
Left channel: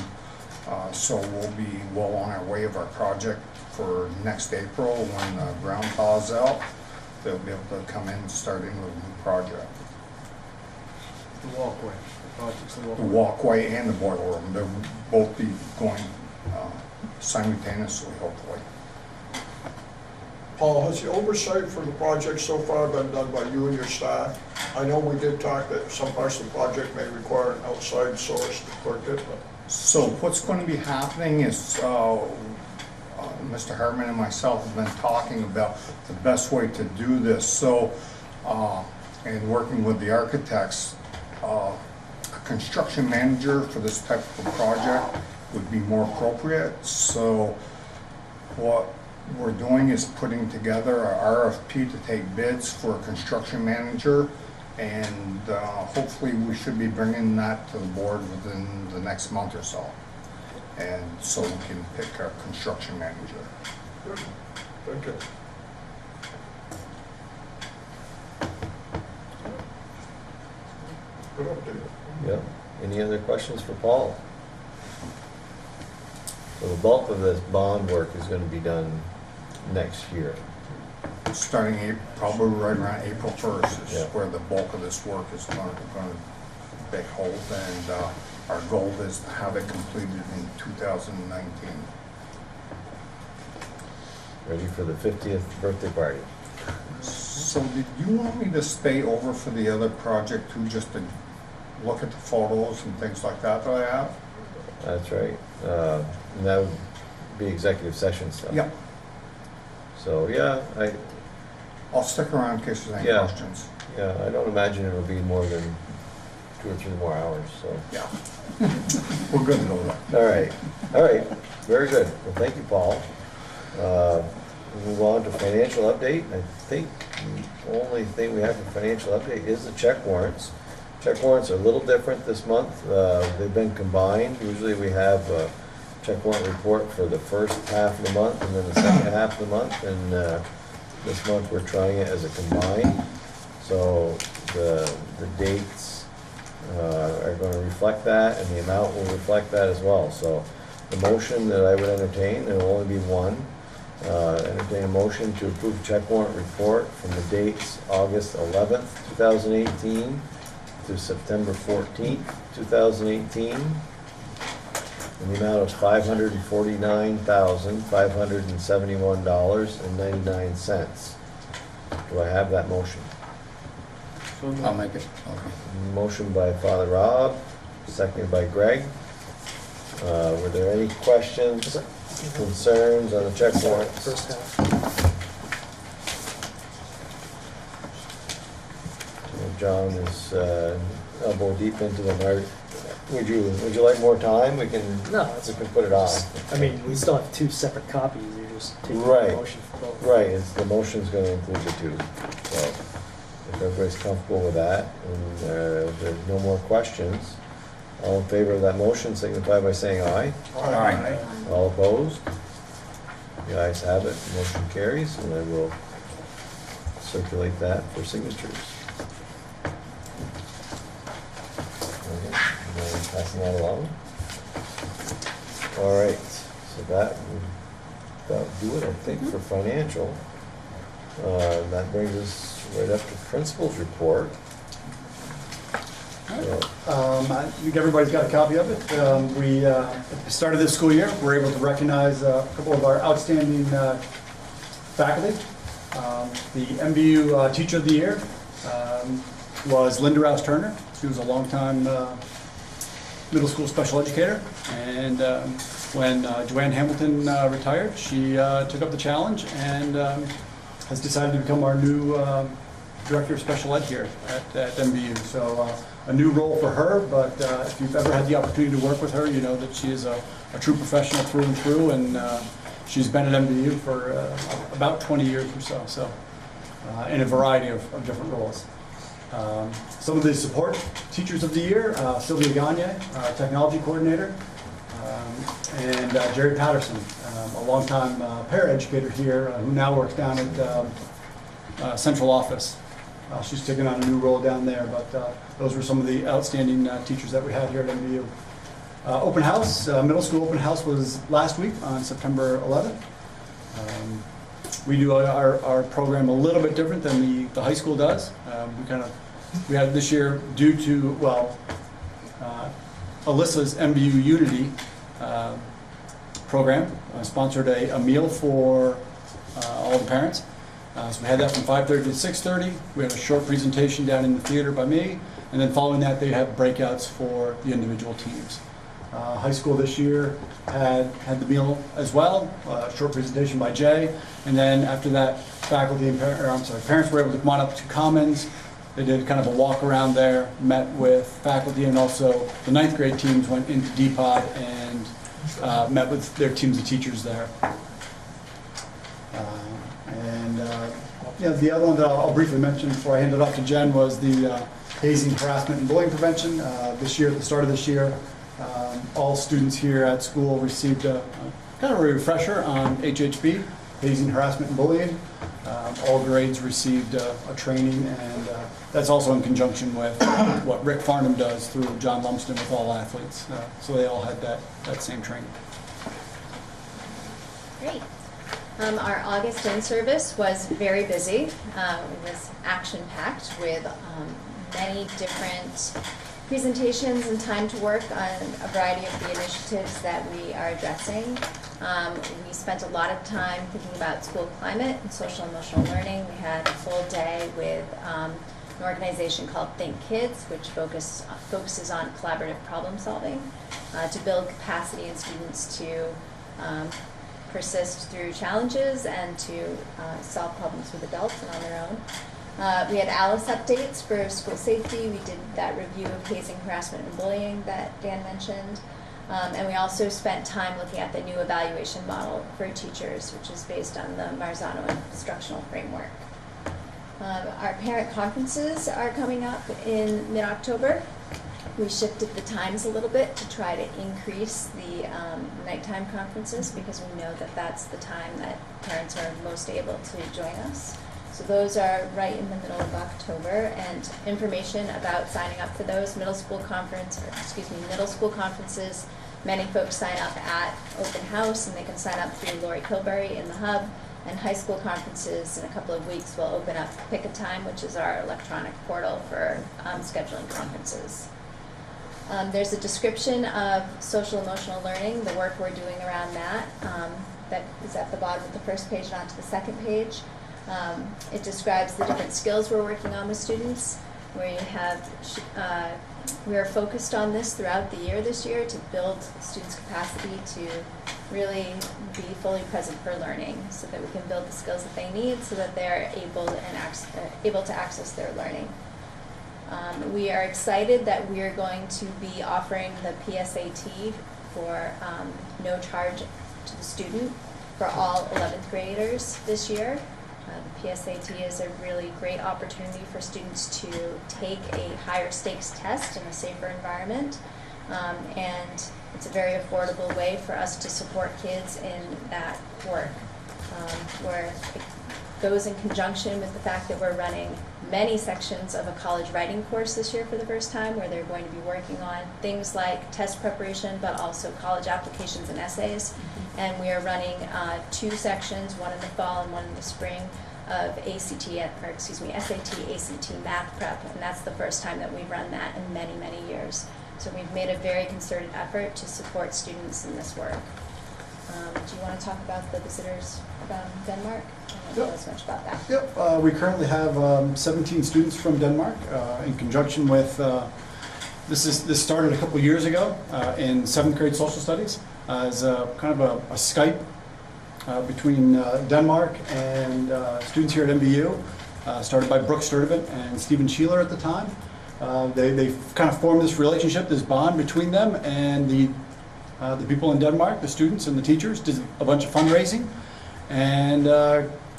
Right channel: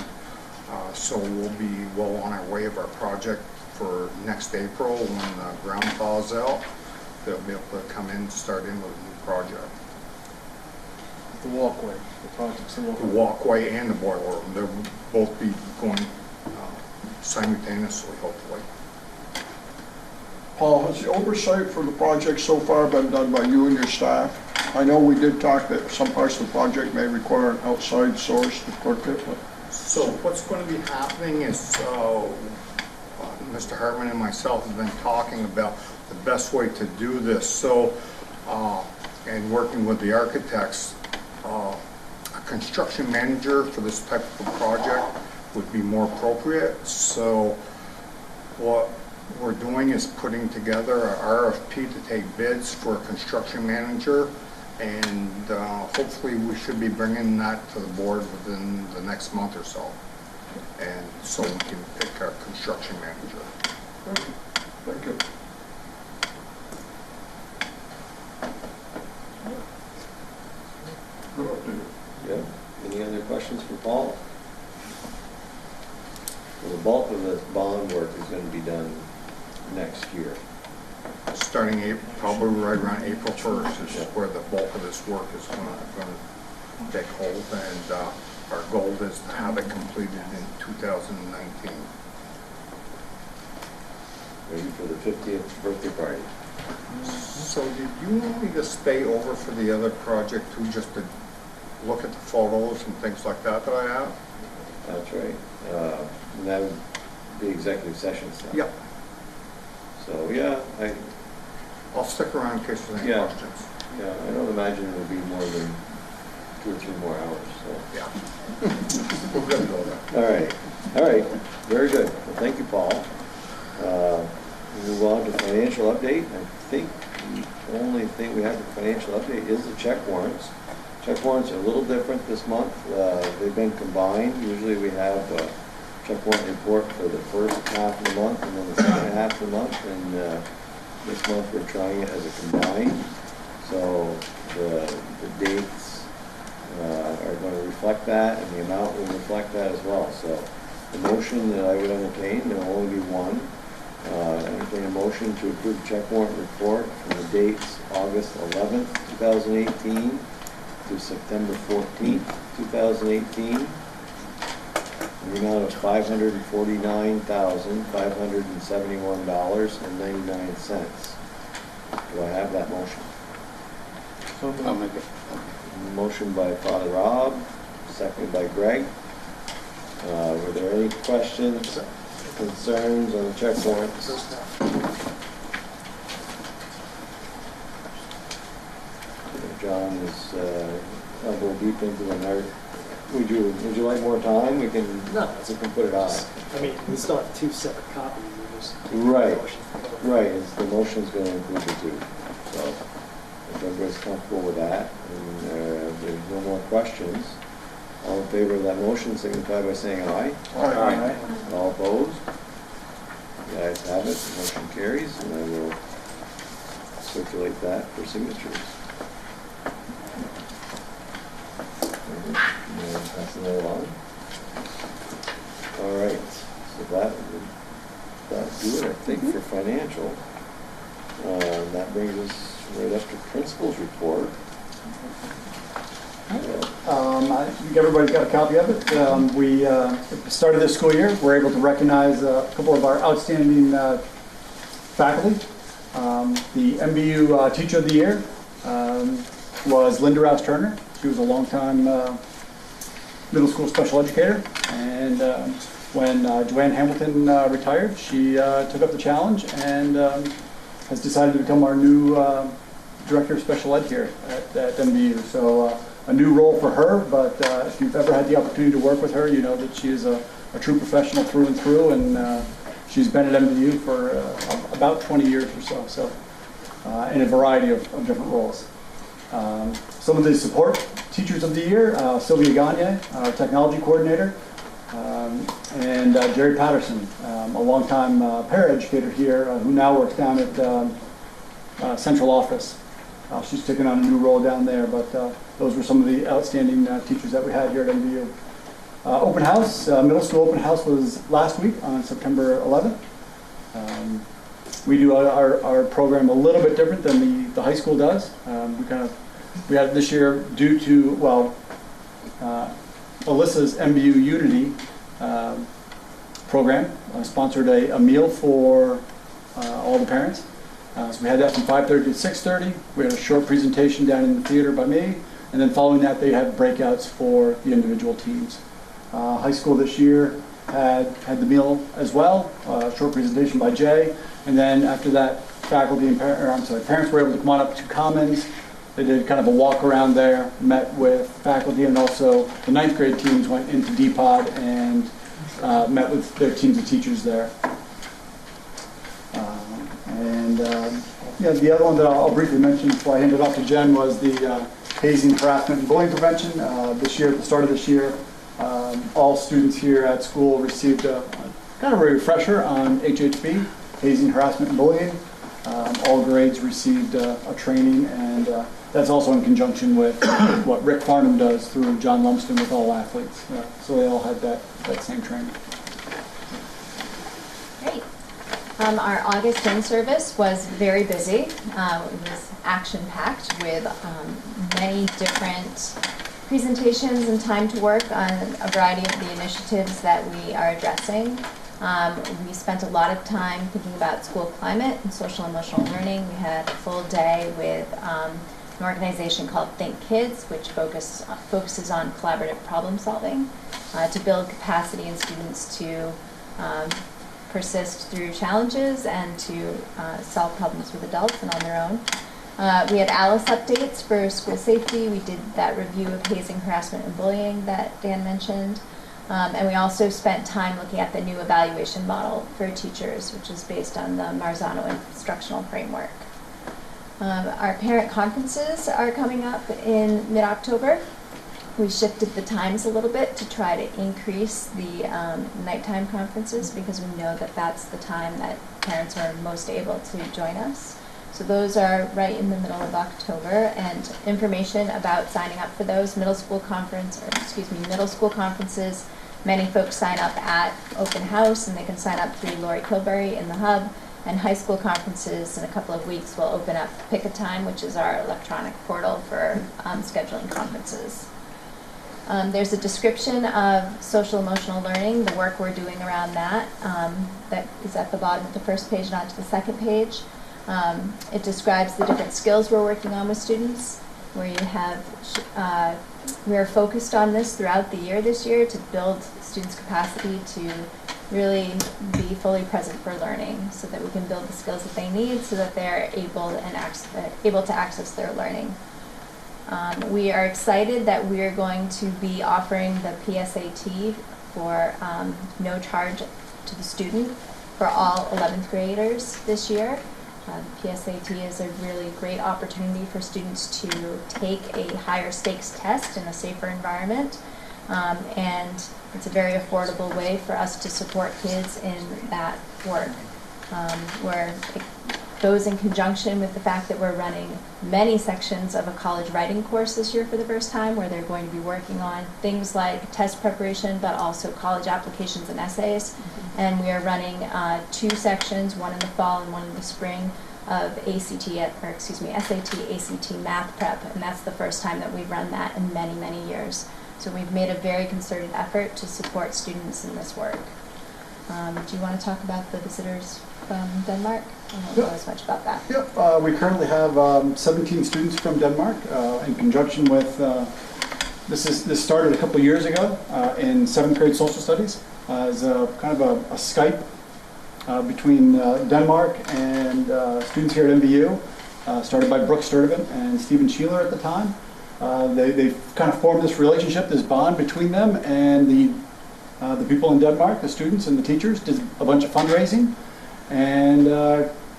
so we'll be well on our way of our project for next April, when the ground thaws out. They'll be able to come in and start in with a new project. The walkway, the project's the the walkway. walkway and the boiler room. They'll both be going simultaneously, hopefully. Paul, has the oversight for the project so far been done by you and your staff? I know we did talk that some parts of the project may require an outside source to clerk it, but So what's going to be happening is, Mr. Hartman and myself have been talking about the best way to do this. So, and working with the architects, a construction manager for this type of a project would be more appropriate. So what we're doing is putting together a RFP to take bids for a construction manager. And hopefully we should be bringing that to the board within the next month or so. And so we can pick our construction manager. good. Thank you. Good update. Yep. Any other questions for Paul? Well, the bulk of this bond work is gonna be done next year. Starting April, probably right around April 1st is Yeah. where the bulk of this work is going to take hold. And our goal is to have it completed in 2019. Ready for the 50th birthday party. So did you want me to stay over for the other project too, just to look at the photos and things like that I have? That's right. And that would be executive session stuff. Yeah, So, yeah, I'll stick around in case there's any Yeah. questions. I don't imagine it'll be more than 2 or 3 more hours, so. Yeah. We're good though. All right, very good. Well, thank you, Paul. We move on to financial update. I think the only thing we have for financial update is the check warrants. Check warrants are a little different this month. They've been combined. Usually we have a check warrant report for the first half of the month and then the second half of the month. And this month we're trying it as a combined. So the dates are going to reflect that and the amount will reflect that as well. So the motion that I would entertain, there will only be one. Entertain a motion to approve check warrant report from the dates August 11th, 2018 to September 14th, 2018, in the amount of $549,571.99. Do I have that motion? I'll make it. Motion by Father Rob, seconded by Greg. Were there any questions, concerns on the check warrants? First half. John is elbow deep into them. Would you like more time? We can No. put it off. I mean, we still have 2 separate copies, you just take the Right. motion for both. Right, the motion's going to include the 2. So if everybody's comfortable with that, and if there's no more questions, all in favor of that motion signify by saying aye. Aye. All opposed? The ayes have it, motion carries, and I will circulate that for signatures. Passing that along. All right, so that would do it, I think, for financial. And that brings us right up to principal's report. I think everybody's got a copy of it. We started this school year, we're able to recognize a couple of our outstanding faculty. The MVU Teacher of the Year was Linda Rouse Turner. She was a longtime middle school special educator, and when Joanne Hamilton retired, she took up the challenge and has decided to become our new Director of Special Ed here at MVU. So a new role for her, but if you've ever had the opportunity to work with her, you know that she is a true professional through and through, and she's been at MVU for about 20 years or so, in a variety of different roles. Some of the support teachers of the year, Sylvia Gagne, technology coordinator, and Jerry Patterson, a longtime paraeducator here who now works down at central office. She's taken on a new role down there, but those were some of the outstanding teachers that we had here at MVU. Open house, middle school open house was last week on September 11th. We do our program a little bit different than the high school does. We kind of We had this year due to, well, Alyssa's MVU Unity program sponsored a meal for all the parents. So we had that from 5:30 to 6:30. We had a short presentation down in the theater by me, and then following that they had breakouts for the individual teams. High school this year had the meal as well, a short presentation by Jay, and then after that faculty and parents were able to come on up to Commons. They did kind of a walk around there, met with faculty, and also the 9th grade teams went into D-Pod and met with their teams of teachers there. The other one that I'll briefly mention before I hand it off to Jen was the hazing, harassment, and bullying prevention. This year, at the start of this year, all students here at school received a kind of a refresher on HHB, hazing, harassment, and bullying. All grades received a training, and that's also in conjunction with what Rick Farnham does through John Lumsden with all athletes. So they all had that same training. Great. Our August in-service was very busy. It was action-packed with many different presentations and time to work on a variety of the initiatives that we are addressing. We spent a lot of time thinking about school climate and social emotional learning. We had a full day with an organization called Think Kids, which focuses on collaborative problem solving to build capacity in students to persist through challenges and to solve problems with adults and on their own. We had ALICE updates for school safety. We did that review of hazing, harassment, and bullying that Dan mentioned. And we also spent time looking at the new evaluation model for teachers, which is based on the Marzano instructional framework. Our parent conferences are coming up in mid-October. We shifted the times a little bit to try to increase the nighttime conferences because we know that that's the time that parents are most able to join us. So those are right in the middle of October, and information about signing up for those middle school conferences. Many folks sign up at Open House, and they can sign up through Lori Kilberry in the hub. And high school conferences in a couple of weeks will open up Pick a Time, which is our electronic portal for scheduling conferences. There's a description of social emotional learning, the work we're doing around that. That is at the bottom of the first page and onto the second page. It describes the different skills we're working on with students, where you have, we are focused on this throughout the year this year to build students' capacity to really be fully present for learning so that we can build the skills that they need so that they're able to access their learning. We are excited that we are going to be offering the PSAT for no charge to the student for all 11th graders this year. PSAT is a really great opportunity for students to take a higher stakes test in a safer environment, and it's a very affordable way for us to support kids in that work. Where it goes in conjunction with the fact that we're running many sections of a college writing course this year for the first time, where they're going to be working on things like test preparation, but also college applications and essays. And we are running 2 sections, one in the fall and one in the spring, of SAT, ACT math prep, and that's the first time that we've run that in many, many years. So we've made a very concerted effort to support students in this work. Do you want to talk about the visitors from Denmark? I don't know as much about that. Yep, we currently have 17 students from Denmark in conjunction with, this started a couple years ago in 7th grade social studies as kind of a Skype between Denmark and students here at MVU, started by Brooke Sturdivant and Stephen Sheeler at the time. They kind of formed this relationship, this bond between them and the people in Denmark, the students and the teachers, did a bunch of fundraising and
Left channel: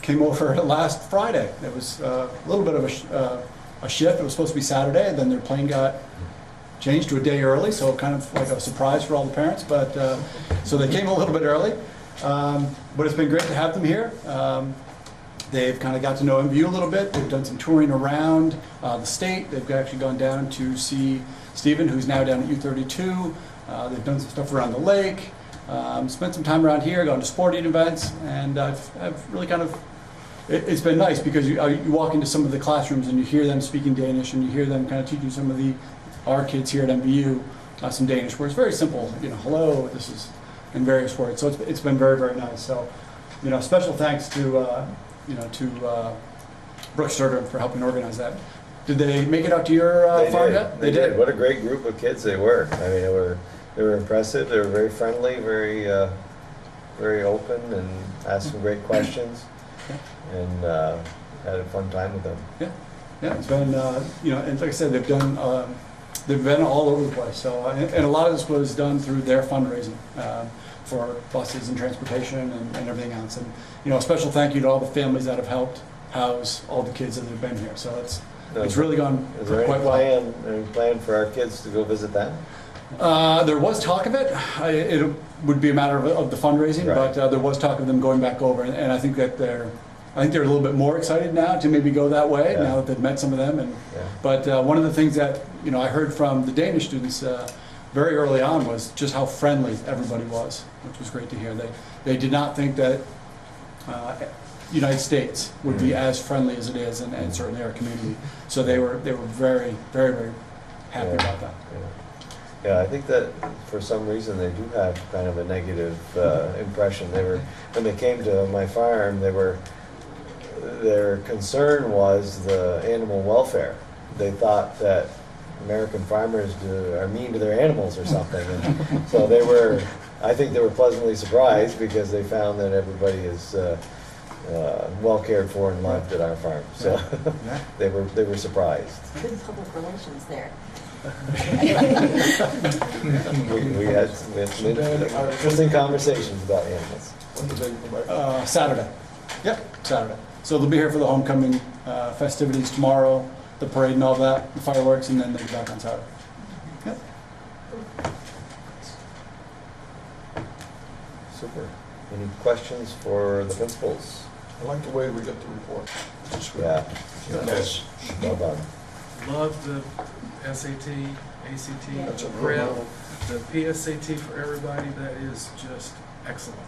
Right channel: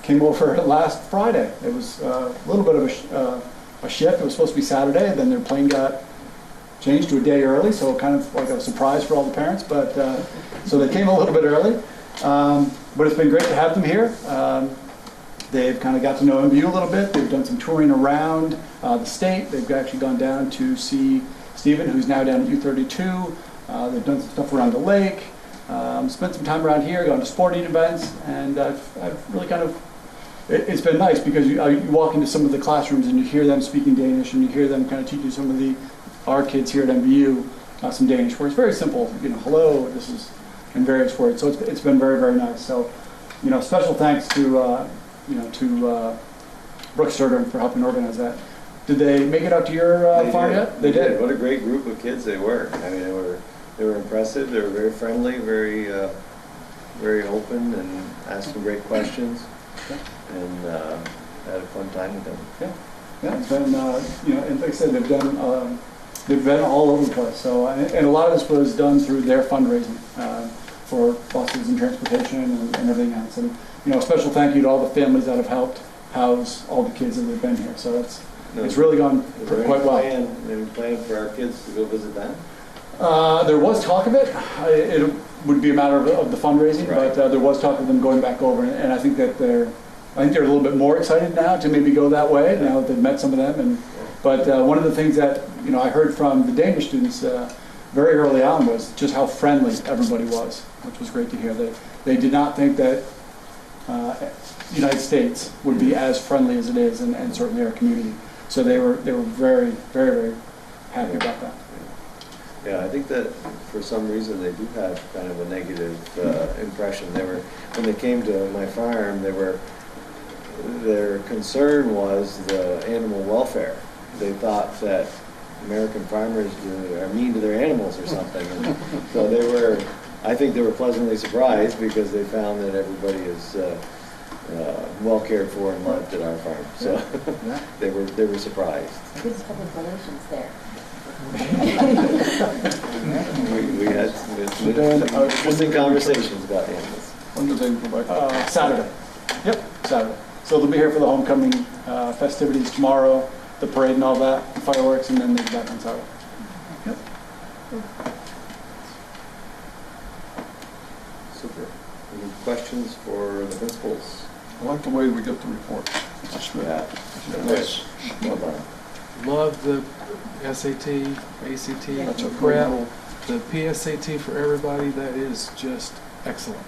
came over last Friday. It was a little bit of a shift. It was supposed to be Saturday, then their plane got changed to a day early, so kind of like a surprise for all the parents, but so they came a little bit early. But it's been great to have them here. They've kind of got to know MVU a little bit. They've done some touring around the state. They've actually gone down to see Stephen, who's now down at U32. They've done some stuff around the lake, spent some time around here, gone to sporting events, and I've really kind of, it's been nice because you walk into some of the classrooms and you hear them speaking Danish, and you hear them kind of teaching some of our kids here at MVU some Danish words. Very simple, hello, this is, in various words. So it's been very, very nice. So, special thanks to Brooke Sturder for helping organize that. Did they make it out to your farm yet? They did. What a great group of kids they were. I mean, they were impressive. They were very friendly, very open, and asking great questions. Yeah. And had a fun time with them. Yeah, it's been, and like I said, they've been all over the place. So, and a lot of this was done through their fundraising for buses and transportation and everything else. And, a special thank you to all the families that have helped house all the kids that have been here. So it's really gone quite well. Any plan for our kids to go visit them? There was talk of it. It would be a matter of the fundraising, right. But there was talk of them going back over, and I think that they're a little bit more excited now to maybe go that way, now that they've met some of them. And but one of the things that I heard from the Danish students very early on was just how friendly everybody was, which was great to hear. They did not think that the United States would be as friendly as it is, and certainly our community. So they were very, very, very happy about that. Yeah, I think that for some reason they do have kind of a negative impression. When they came to my farm, their concern was the animal welfare. They thought that American farmers are mean to their animals or something. And so I think they were pleasantly surprised because they found that everybody is well cared for and loved at our farm. So they were surprised. Good public relations there. We had some interesting conversations about animals. When do they go back? Saturday. Yep, Saturday. So they'll be here for the homecoming festivities tomorrow, the parade and all that, the fireworks, and then they'll be back on Saturday. Yep. Super. Any questions for the principals? I like the way we get the report. Yeah. Yes. Well done. Love the SAT, ACT, That's a prep, phenomenal. the PSAT for everybody. That is just excellent.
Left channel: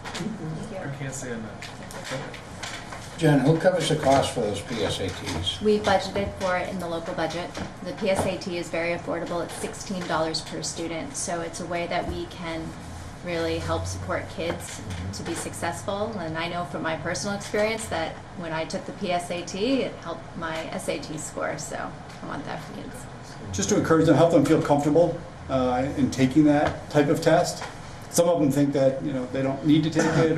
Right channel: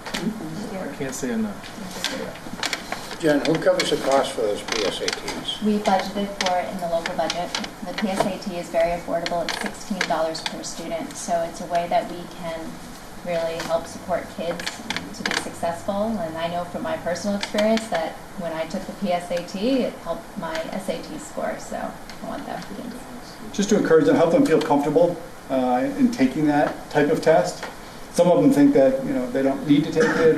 I can't say enough. Jen, who covers the cost for those PSATs? We budgeted for it in the local budget. The PSAT is very affordable. It's $16 per student, so it's a way that we can really help support kids to be successful. And I know from my personal experience that when I took the PSAT, it helped my SAT score, so I want that for kids. Just to encourage them, help them feel comfortable in taking that type of test. Some of them think that they don't need to take it,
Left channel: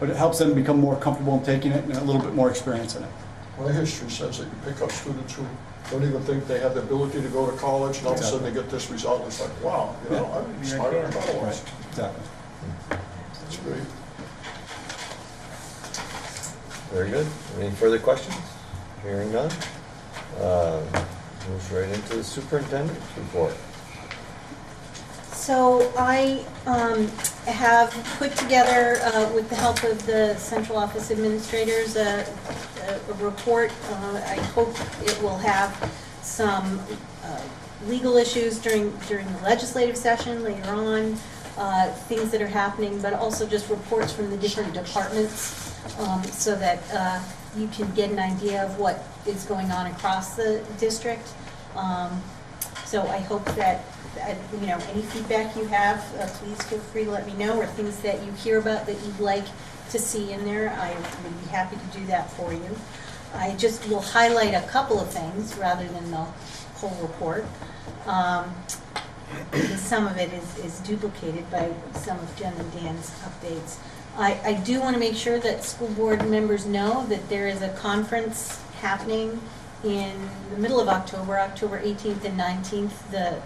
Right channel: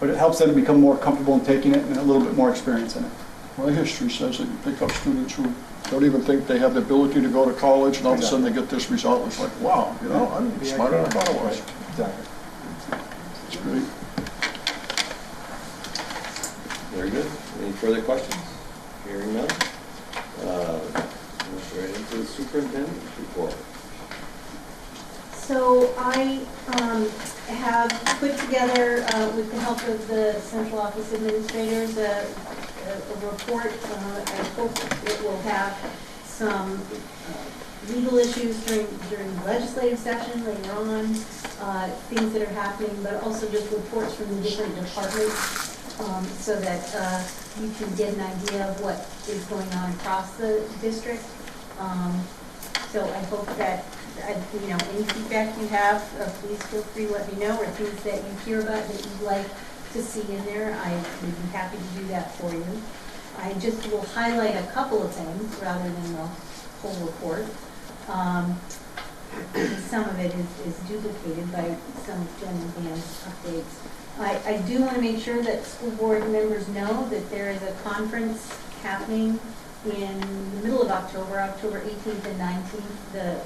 but it helps them become more comfortable in taking it and a little bit more experience in it. My history says that you pick up students who don't even think they have the ability to go to college, and all of a sudden they get this result. It's like, wow, I'm smarter than I thought I was. Exactly. It's great. Very good. Any further questions? Hearing none. Move right into the superintendent's report. So I have put together, with the help of the central office administrators, a report. I hope it will have some legal issues during the legislative session later on, things that are happening, but also just reports from the different departments, so that you can get an idea of what is going on across the district. So I hope that any feedback you have, please feel free to let me know, or things that you hear about that you'd like to see in there. I would be happy to do that for you. I just will highlight a couple of things rather than the whole report. Some of it is duplicated by some of Jen and Dan's updates. I do want to make sure that school board members know that there is a conference happening in the middle of October, October 18th and 19th, the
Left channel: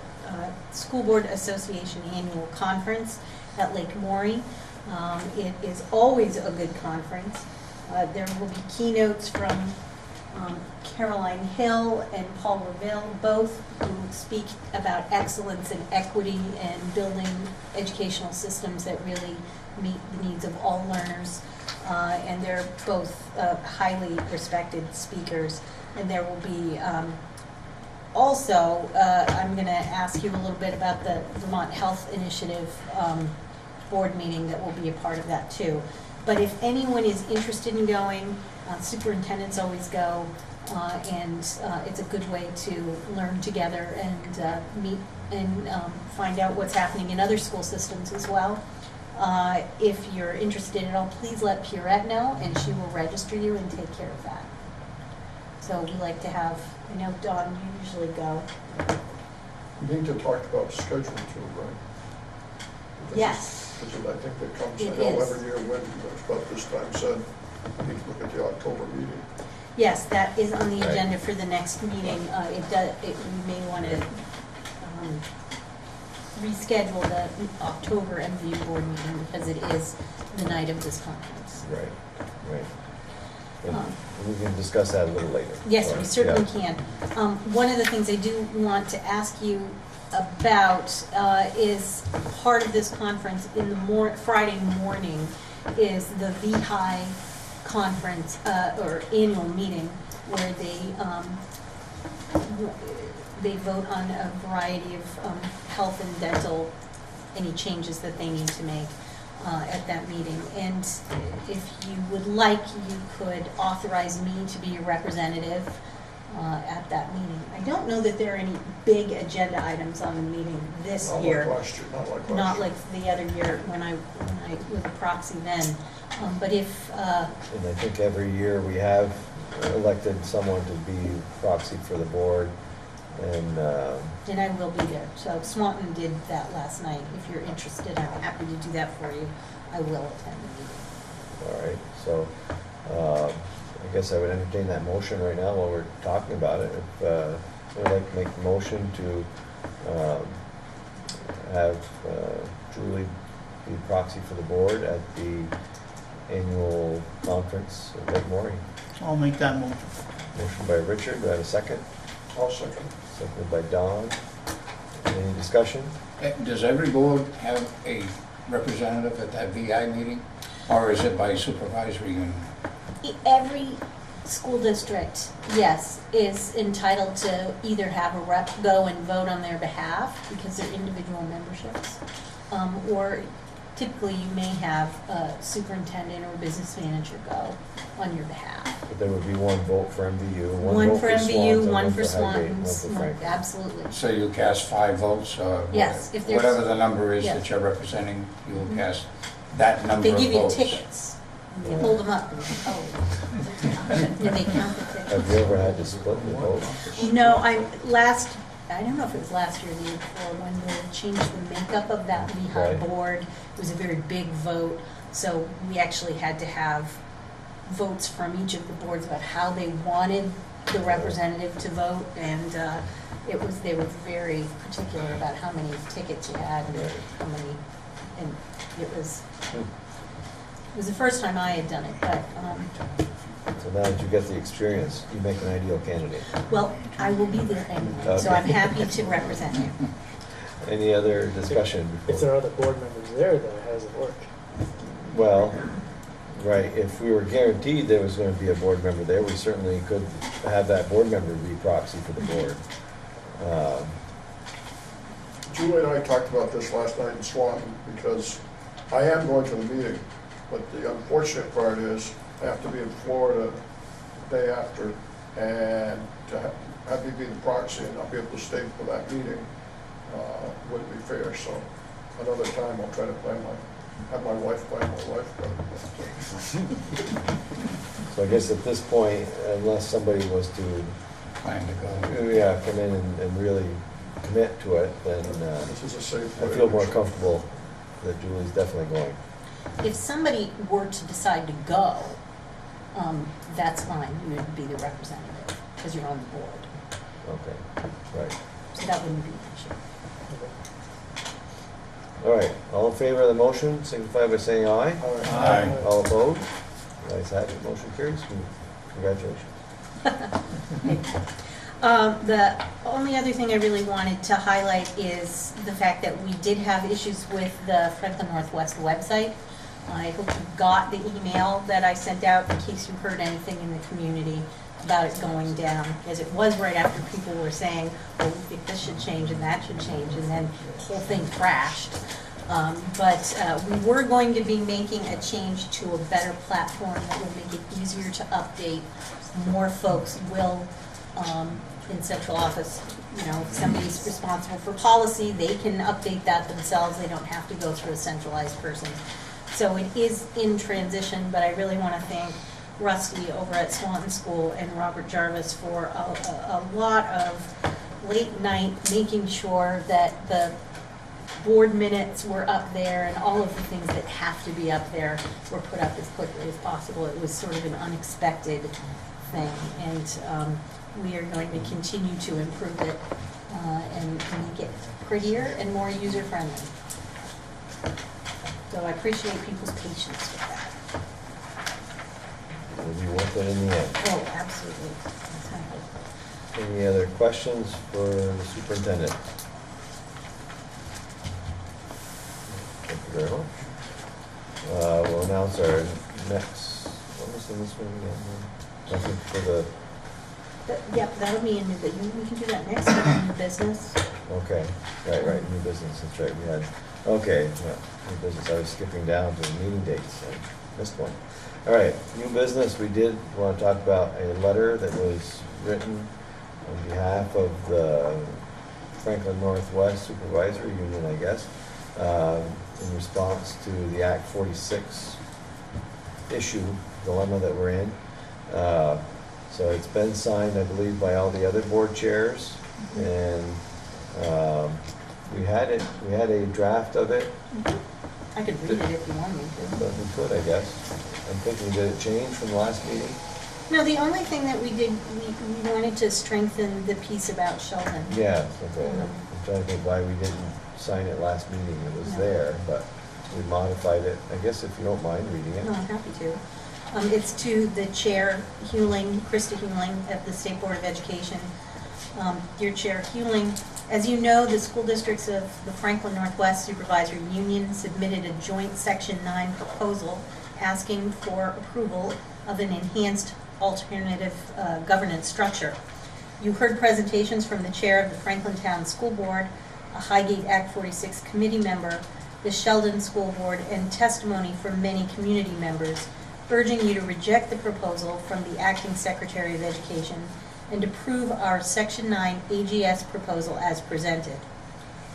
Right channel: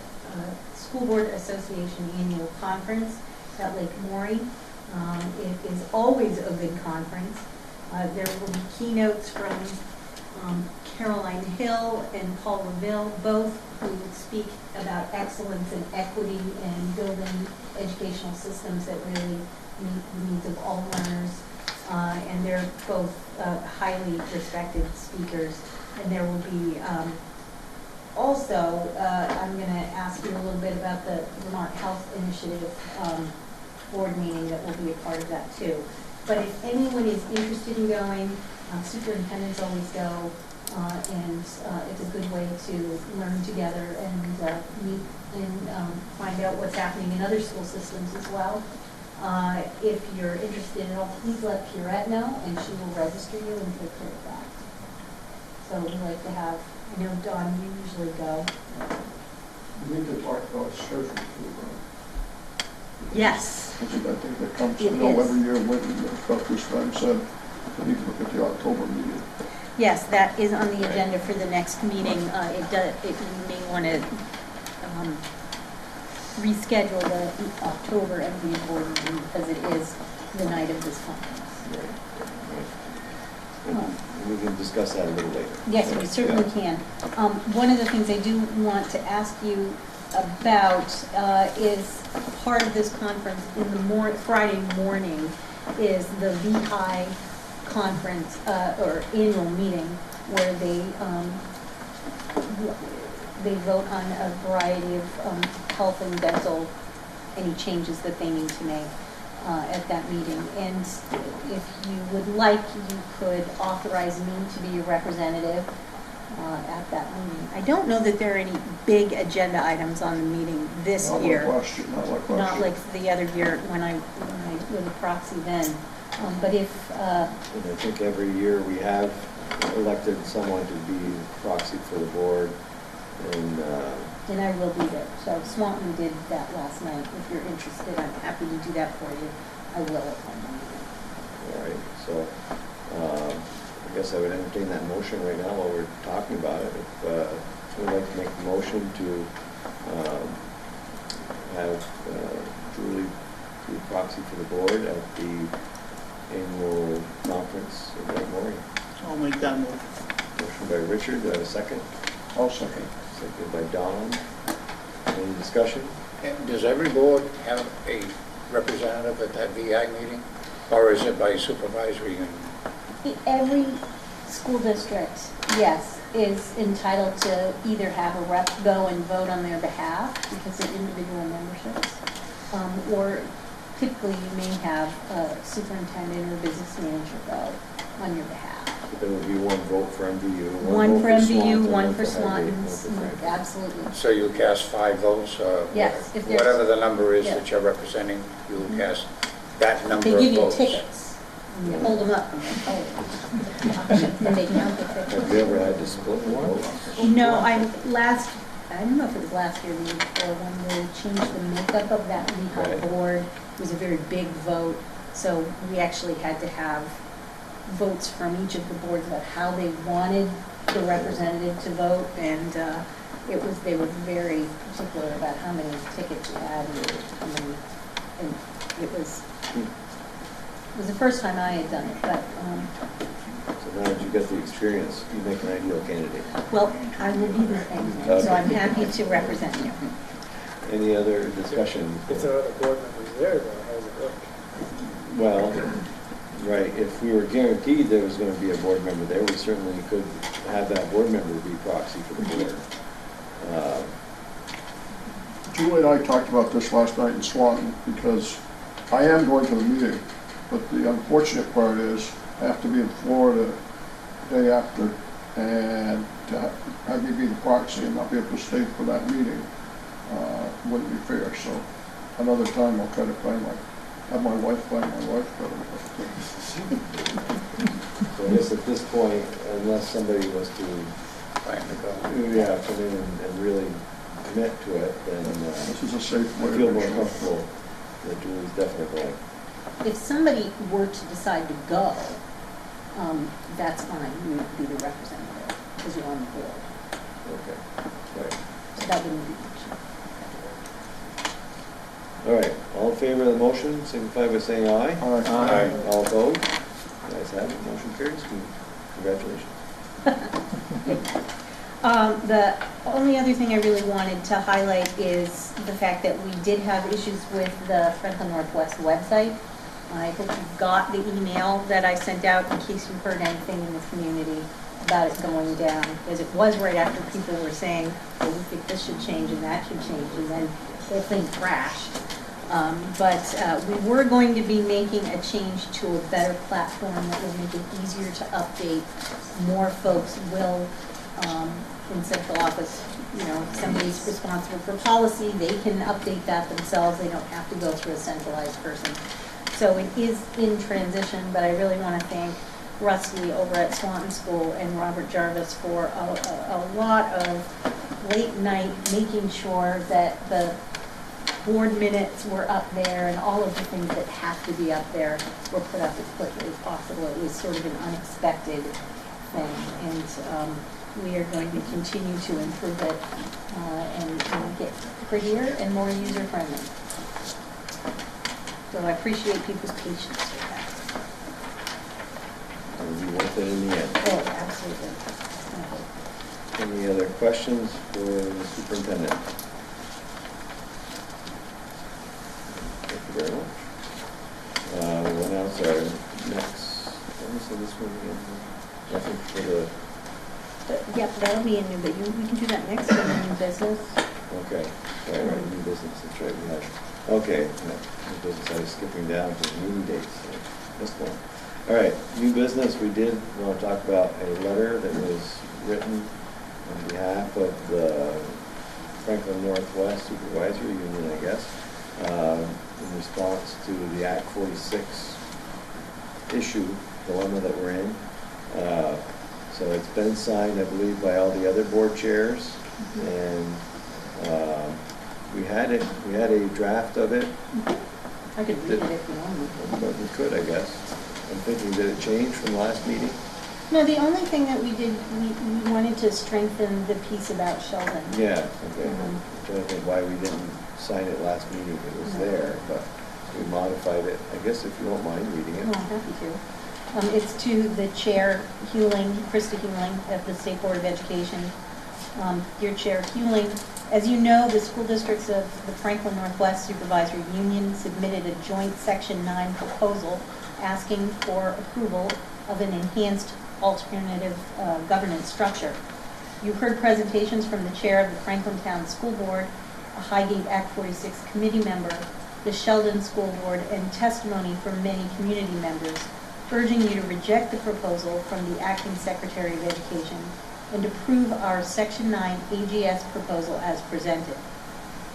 School Board Association Annual Conference at Lake Maury. It is always a good conference. There will be keynotes from Caroline Hill and Paul Reville, both who speak about excellence and equity and building educational systems that really meet the needs of all learners. And they're both highly respected speakers. And there will be also, I'm going to ask you a little bit about the Vermont Health Initiative board meeting that will be a part of that too. But if anyone is interested in going, Superintendents always go, and it's a good way to learn together and meet and find out what's happening in other school systems as well. If you're interested at all, please let Pierrette know, and she will register you and take care of that. So we like to have, I know, Dawn, you usually go. We need to talk about schedule too, right? Yes. Because I think that comes, I It know is. every year, when about this time said, we need to look at the October meeting. Yes, that is on the agenda for the next meeting. You may want to reschedule the October MVU board meeting because it is the night of this conference. Right. And we can discuss that a little later. Yes, we certainly can. One of the things I do want to ask you about is part of this conference in the Friday morning is the VHI conference or annual meeting where they vote on a variety of health and dental, any changes that they need to make at that meeting. And if you would like, you could authorize me to be your representative at that meeting. I don't know that there are any big agenda items on the meeting this year. Not like last year, not like last year. Not like the other year when I was a proxy then. But if, And I think every year we have elected someone to be proxy for the board, and I will be there. So Swanton did that last night. If you're interested, I'm happy to do that for you. I will attend the meeting. all right, so, I guess I would entertain that motion right now while we're talking about it. If, someone would like to make a motion to, have, Julie be proxy for the board at the annual conference in Great Morning. I'll make that motion. Motion by Richard, do I have a second? I'll second. Seconded by Don. Any discussion? Does every board have a representative at that VI meeting? Or is it by supervisory and? Every school district, yes, is entitled to either have a rep go and vote on their behalf because they're individual memberships, or typically you may have a superintendent or business manager go on your behalf. So there would be one vote for MVU, One vote for MVU, Swanton, one for Highgate, one Swantons, for Franklin. absolutely. So you cast 5 votes? Yes, if there's- Whatever the number is yeah. that you're representing, you will cast that number They of give you votes. tickets, and you hold them up, and you and they count the tickets. Have you ever had to split the vote? No, I don't know if it was last year or the year before, when they changed the makeup of that Right. rehab board. It was a very big vote, so we actually had to have votes from each of the boards about how they wanted the representative to vote, and they were very particular about how many tickets you had and how many, and it was the first time I had done it, but, So now that you get the experience, you make an ideal candidate. well, I will be there anyway, so I'm happy to represent you. Any other discussion? If there are other board members there, though, how does it work? Well, right, if we were guaranteed there was going to be a board member there, we certainly could have that board member be proxy for the board. Julie and I talked about this last night in Swanton, because I am going to the meeting, but the unfortunate part is I have to be in Florida the day after, and to have me be the proxy and not be able to stay for that meeting wouldn't be fair, so another time I'll try to have my wife plan my wife. So I guess at this point, unless somebody was to, Plan to go. yeah, come in and really commit to it, then This is a safe I way. feel more comfortable that Julie's definitely going. If somebody were to decide to go, that's fine, you would be the representative, because you're on the board, Okay, right. so that wouldn't be an issue. All right, all in favor of the motion, signify by saying aye. Aye. All opposed? Guys have it, motion carries. Congratulations. The only other thing I really wanted to highlight is the fact that we did have issues with the Franklin Northwest website. I hope you got the email that I sent out in case you heard anything in the community about it going down, because it was right after people were saying, oh, we think this should change and that should change, and then the whole thing crashed. But we were going to be making a change to a better platform that will make it easier to update. More folks will, in central office, you know, if somebody's responsible for policy, they can update that themselves. They don't have to go through a centralized person. So it is in transition, but I really want to thank Rusty over at Swanton School and Robert Jarvis for a lot of late night making sure that the board minutes were up there and all of the things that have to be up there were put up as quickly as possible. It was sort of an unexpected thing, and we are going to continue to improve it and make it prettier and more user-friendly. So I appreciate people's patience with that. It'll be worth it in the end. Oh, absolutely. Definitely. Any other questions for the superintendent? Thank you very much. We'll announce our next, what was the this one again? I think for the, Yep, that'll be in new, but we can do that next week in new business. okay, right, new business, that's right, we had it. Okay, no, new business, I was skipping down to the meeting dates, I missed one. All right, new business, we did want to talk about a letter that was written on behalf of the Franklin Northwest Supervisory Union, I guess, in response to the Act 46 issue, dilemma that we're in. So it's been signed, I believe, by all the other board chairs, and we had a draft of it. I could read it if you want me to. But we could, I guess. I'm thinking, did it change from the last meeting? No, the only thing that we did, we wanted to strengthen the piece about Sheldon. Yeah, okay. I'm trying to think why we didn't sign it last meeting. It was No. there, but we modified it. I guess if you don't mind reading it. No, I'm happy to. It's to the chair, Hewling, Krista Hewling of the State Board of Education. Dear Chair Hewling, as you know, the school districts of the Franklin Northwest Supervisory Union submitted a joint Section 9 proposal asking for approval of an enhanced alternative governance structure. You heard presentations from the chair of the Franklin Town School Board, a Highgate Act 46 committee member, the Sheldon School Board, and testimony from many community members, urging you to reject the proposal from the Acting Secretary of Education and approve our Section 9 AGS proposal as presented.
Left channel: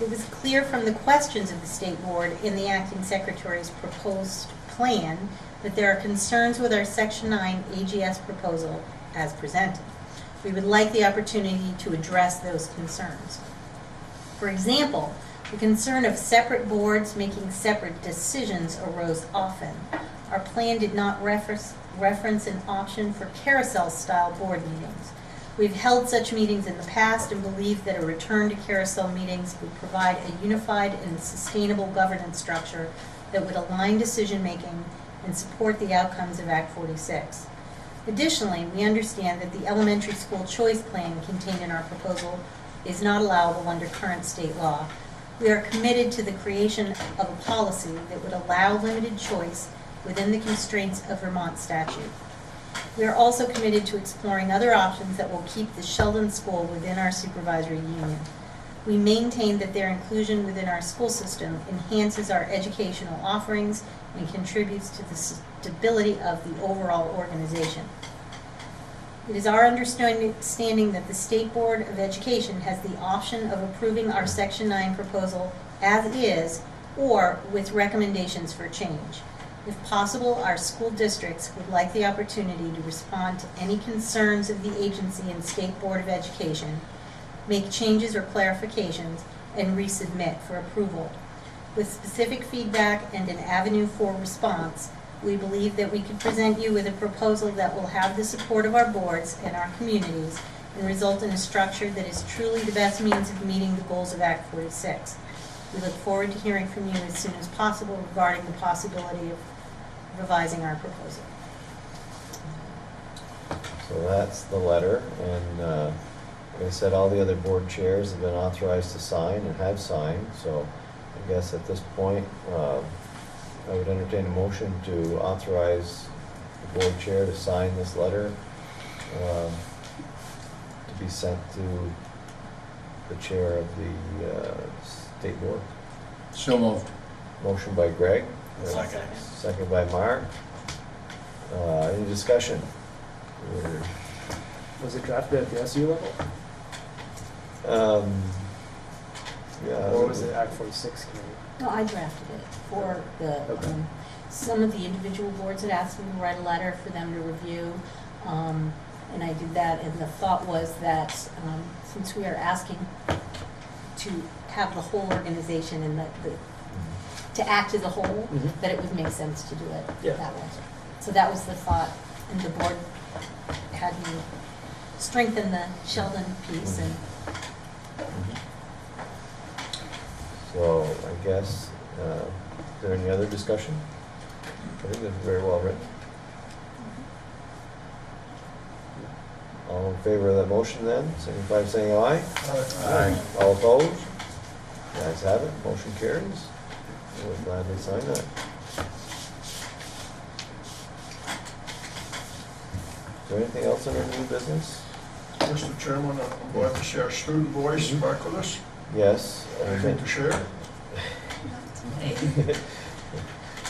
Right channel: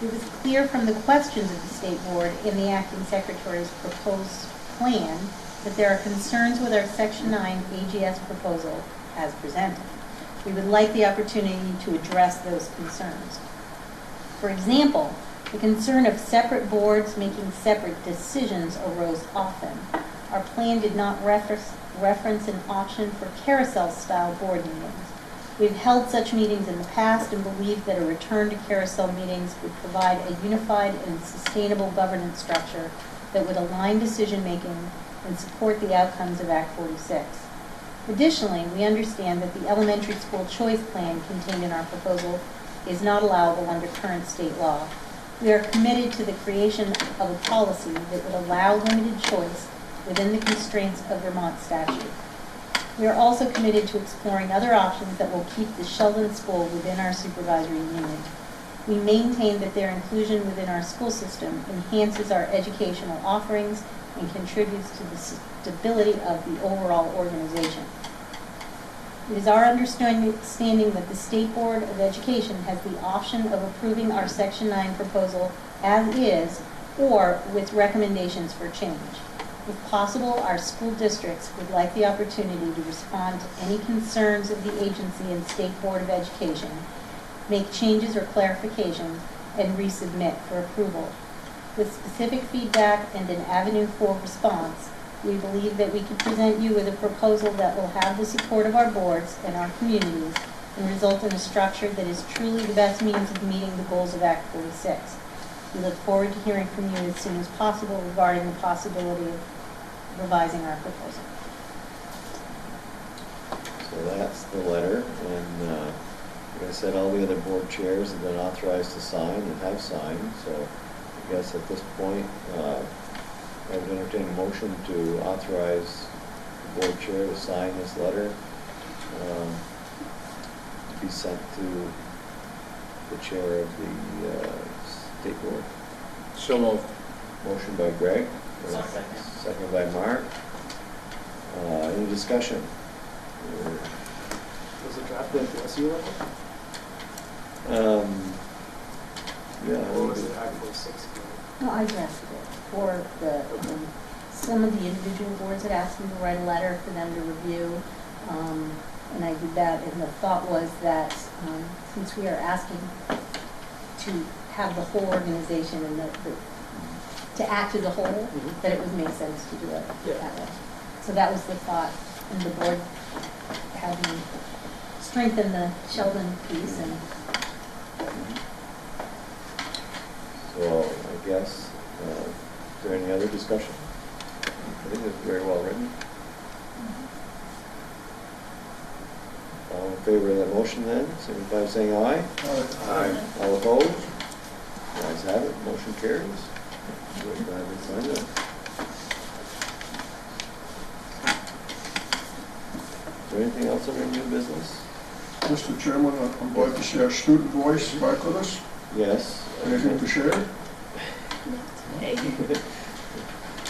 It was clear from the questions of the State Board in the Acting Secretary's proposed plan that there are concerns with our Section 9 AGS proposal as presented. We would like the opportunity to address those concerns. For example, the concern of separate boards making separate decisions arose often. Our plan did not reference an option for carousel-style board meetings. We've held such meetings in the past and believe that a return to carousel meetings would provide a unified and sustainable governance structure that would align decision-making and support the outcomes of Act 46. Additionally, we understand that the elementary school choice plan contained in our proposal is not allowable under current state law. We are committed to the creation of a policy that would allow limited choice within the constraints of Vermont statute. We are also committed to exploring other options that will keep the Sheldon School within our supervisory union. We maintain that their inclusion within our school system enhances our educational offerings and contributes to the stability of the overall organization. It is our understanding that the State Board of Education has the option of approving our Section 9 proposal as is or with recommendations for change. If possible, our school districts would like the opportunity to respond to any concerns of the agency and State Board of Education, make changes or clarifications, and resubmit for approval. With specific feedback and an avenue for response, we believe that we can present you with a proposal that will have the support of our boards and our communities and result in a structure that is truly the best means of meeting the goals of Act 46. We look forward to hearing from you as soon as possible regarding the possibility of revising our proposal. So that's the letter, and like I said, all the other board chairs have been authorized to sign and have signed, so I guess at this point, I would entertain a motion to authorize the board chair to sign this letter to be sent to the chair of the state board. So moved. Motion by Greg. Second. Second by Mark. Any discussion? Was it drafted at the SU level? Yeah. Or was it Act 46 committee? No, I drafted it for the, Okay. some of the individual boards had asked me to write a letter for them to review, and I did that, and the thought was that, since we are asking to have the whole organization and to act as a whole, Mhm. that it would make sense to do it Yeah. that way. So that was the thought, and the board had me strengthen the Sheldon piece, and So I guess, is there any other discussion? I think it's very well written. All in favor of that motion then, signify by saying aye. Aye. All opposed? Ayes have it, motion carries. We're glad we signed that. Is there anything else in our new business? Mr. Chairman, I'm glad to see our student voice back with us. Yes. Anything to share?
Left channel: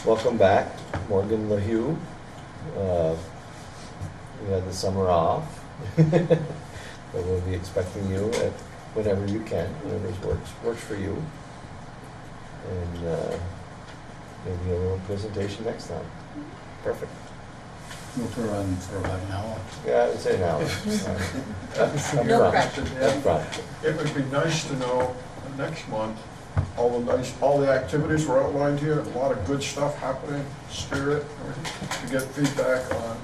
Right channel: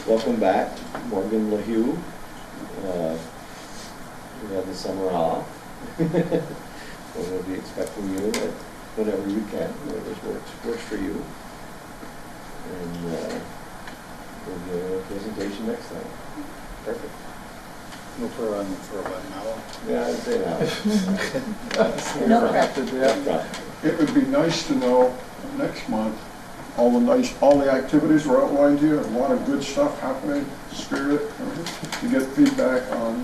Welcome back, Morgan LaHue. We had the summer off. So we'll be expecting you at whenever you can, whatever works for you. And maybe a little presentation next time. Perfect. We'll put her on for about an hour. Yeah, I'd say now. no pressure. Right. It would be nice to know next month, all the activities were outlined here, a lot of good stuff happening, spirit, to get feedback on,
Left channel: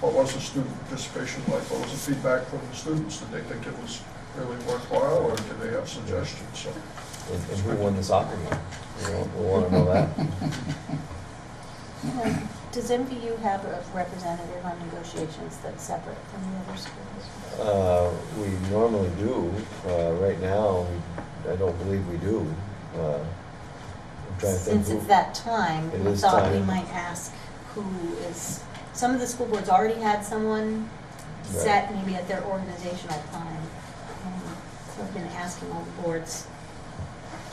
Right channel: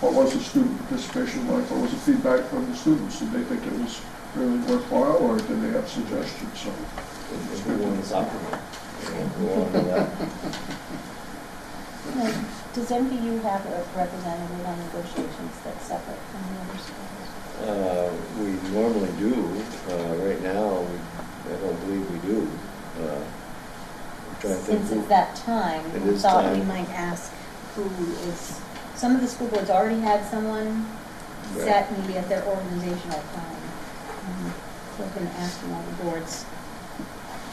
what was the student participation like, what was the feedback from the students, did they think it was really worthwhile, or did they have suggestions, so. And who won the soccer game? We want to know that. Does MVU have a representative on negotiations that's separate from the other schools? We normally do. Right now, I don't believe we do. I'm trying to think Since who. it's that time, It we is thought we time. might ask who is, some of the school boards already had someone Right. set maybe at their organizational time. So I've been asking all the boards,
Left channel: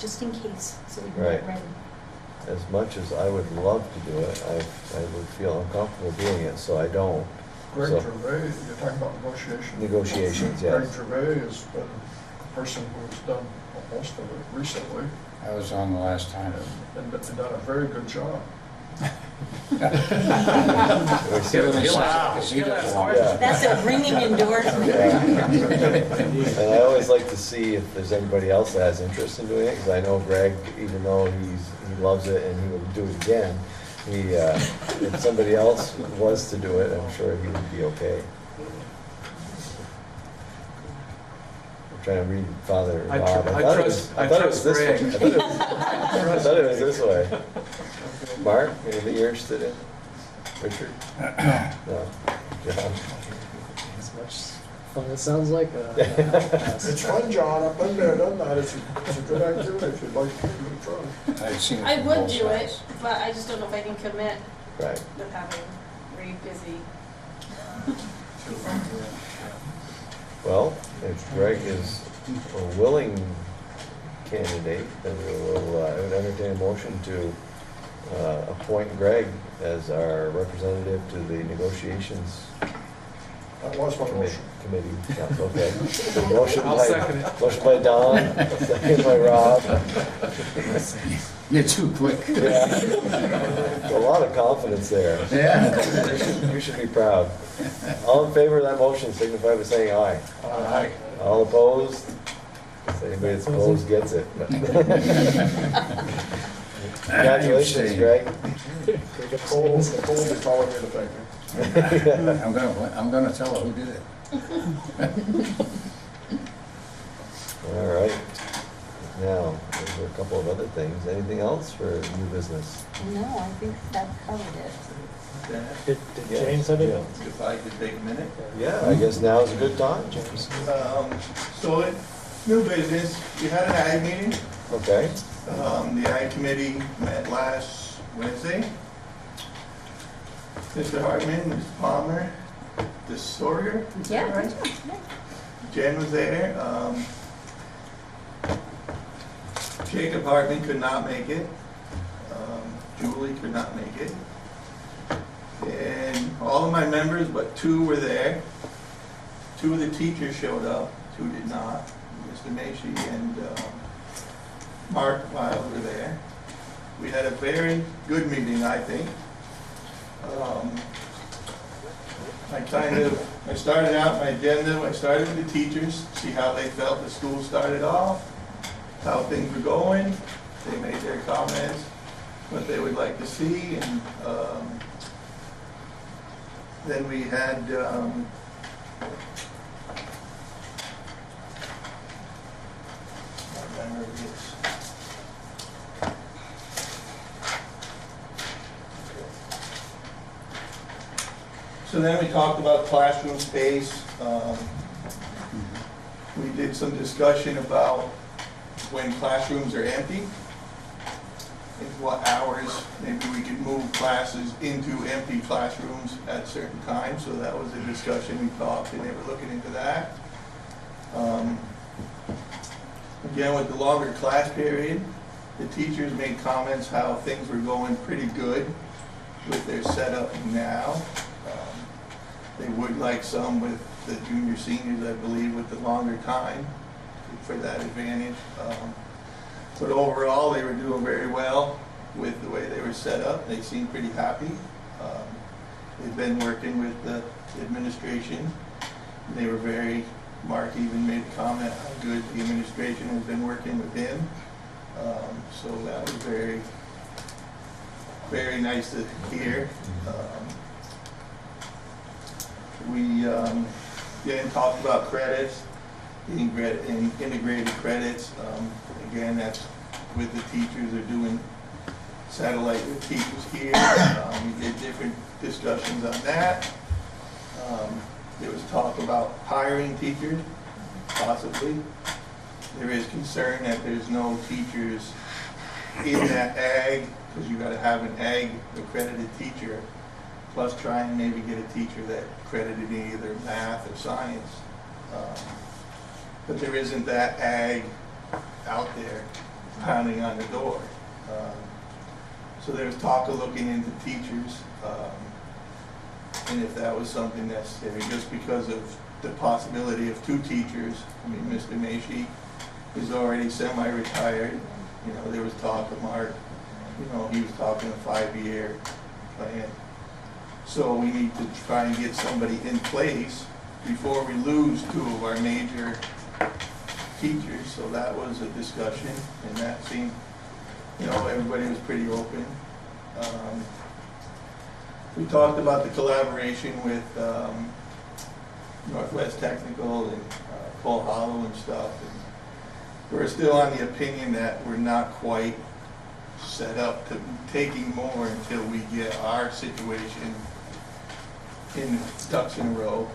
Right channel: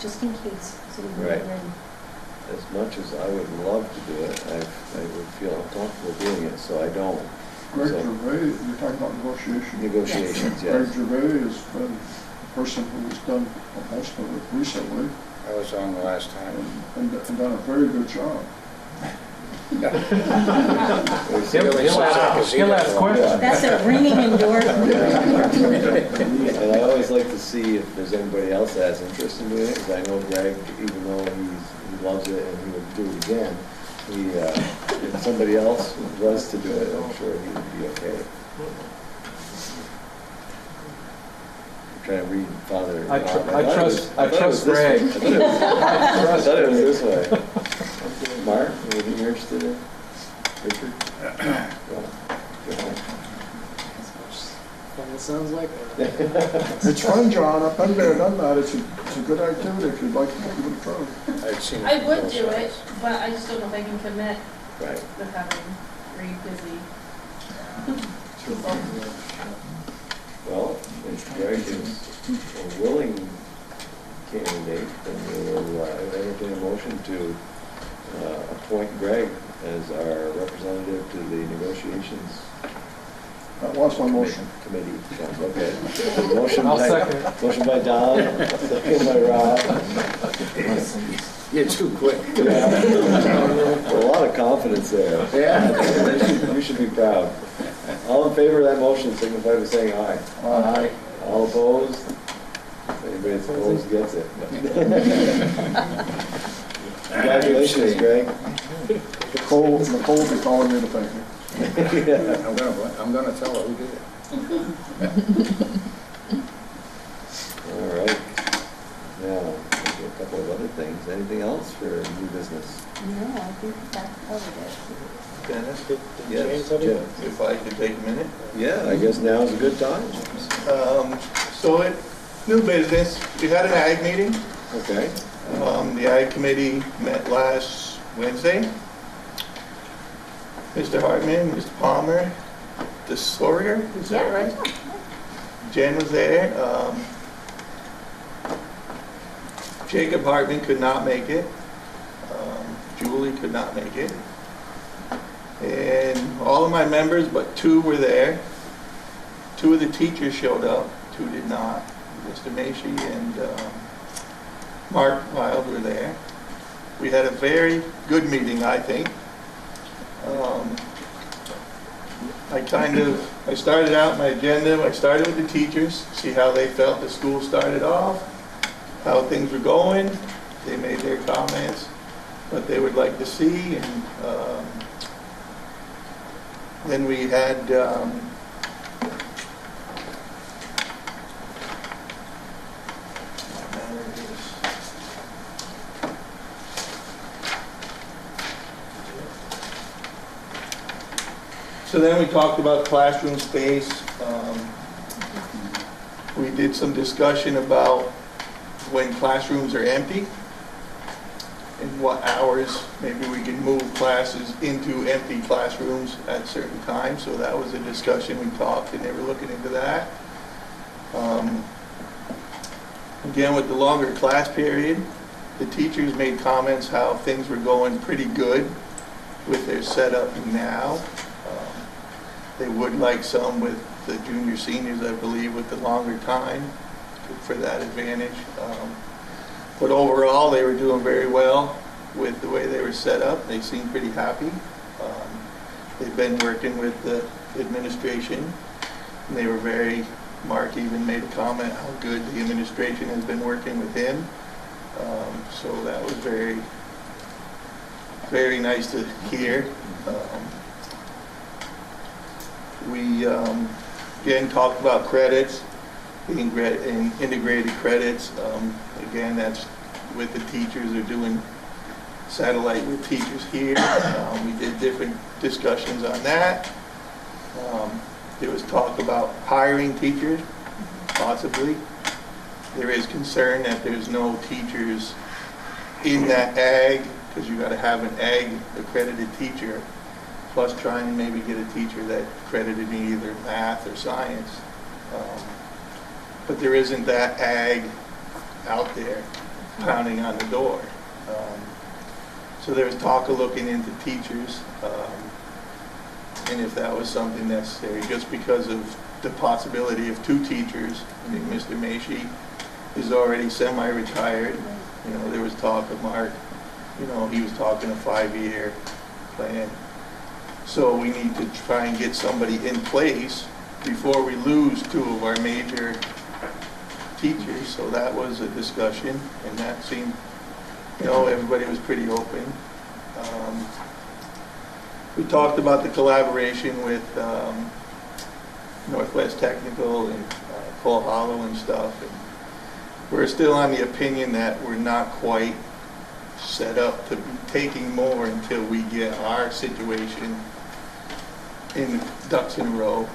just in case, so we can Right. get ready. As much as I would love to do it, I would feel uncomfortable doing it, so I don't. Greg So- Gervais, you're talking about negotiations. Negotiations, Greg yes. Gervais has been the person who has done most of it recently, I was on the last time. and done a very good job. We'll see. He'll ask questions. That's a ringing endorsement. Yeah. And I always like to see if there's anybody else that has interest in doing it, because I know Greg, even though he loves it and he would do it again, if somebody else was to do it, I'm sure he would be okay. I'm trying to read Father. I thought it was this Greg. way. I thought it was this way. Mark, anything you're interested in? Richard? No. As much fun as it sounds like. It's fun, John, I've been there, done that, it's a good activity if you'd like to give it a try. I've seen it I from would both do it, sides. but I just don't know if I can commit Right. with having three busy people. Well, if Greg is a willing candidate, then we'll entertain a motion to appoint Greg as our representative to the negotiations That was my motion. committee. Council. Okay. Motion I'll by, second. motion by Don, second by Rob. You're too quick. Yeah. A lot of confidence there. Yeah. You should be proud. All in favor of that motion, signify by saying aye. Aye. All opposed? If anybody that's opposed gets it. Congratulations, Greg. Nicole will be calling me to thank me. I'm gonna tell her who did it. All right. Now, there's a couple of other things. Anything else for new business? No, I think that covered it. Dennis, Did Yes, James have any? Jim. if I could take a minute. Yeah, I guess now is a good time. So it, new business, we had an ag meeting. Okay. The ag committee met last Wednesday. Mr. Hartman, Mr. Palmer, the Sawyer, is that right? Jen was there. Jacob Hartman could not make it. Julie could not make it. And all of my members, but 2 were there. 2 of the teachers showed up, 2 did not. Mr. Macy and Mark Wild were there. We had a very good meeting, I think. I started out my agenda, I started with the teachers, see how they felt the school started off, how things were going. They made their comments, what they would like to see, and then we had so then we talked about classroom space. We did some discussion about when classrooms are empty and what hours maybe we can move classes into empty classrooms at certain times. So that was a discussion we talked, and they were looking into that. Again, with the longer class period, the teachers made comments how things were going pretty good with their setup now. They would like some with the junior seniors, I believe, with the longer time for that advantage. But overall, they were doing very well with the way they were set up. They seemed pretty happy. They've been working with the administration, and they were very, Mark even made a comment how good the administration has been working with him. So that was very, very nice to hear. We again talked about credits, integrated credits. Again, that's with the teachers. They're doing satellite with teachers here. We did different discussions on that. There was talk about hiring teachers, possibly. There is concern that there's no teachers in that ag, because you got to have an ag accredited teacher, plus try and maybe get a teacher that accredited in either math or science. But there isn't that ag out there pounding on the door. So there was talk of looking into teachers, and if that was something necessary, just because of the possibility of 2 teachers. I mean, Mr. Macy is already semi-retired. You know, there was talk of Mark, you know, he was talking a 5-year plan. So we need to try and get somebody in place before we lose 2 of our major teachers. So that was a discussion, and that seemed, you know, everybody was pretty open. We talked about the collaboration with Northwest Technical and Cole Hollow and stuff. And we're still on the opinion that we're not quite set up to be taking more until we get our situation in ducks in a row.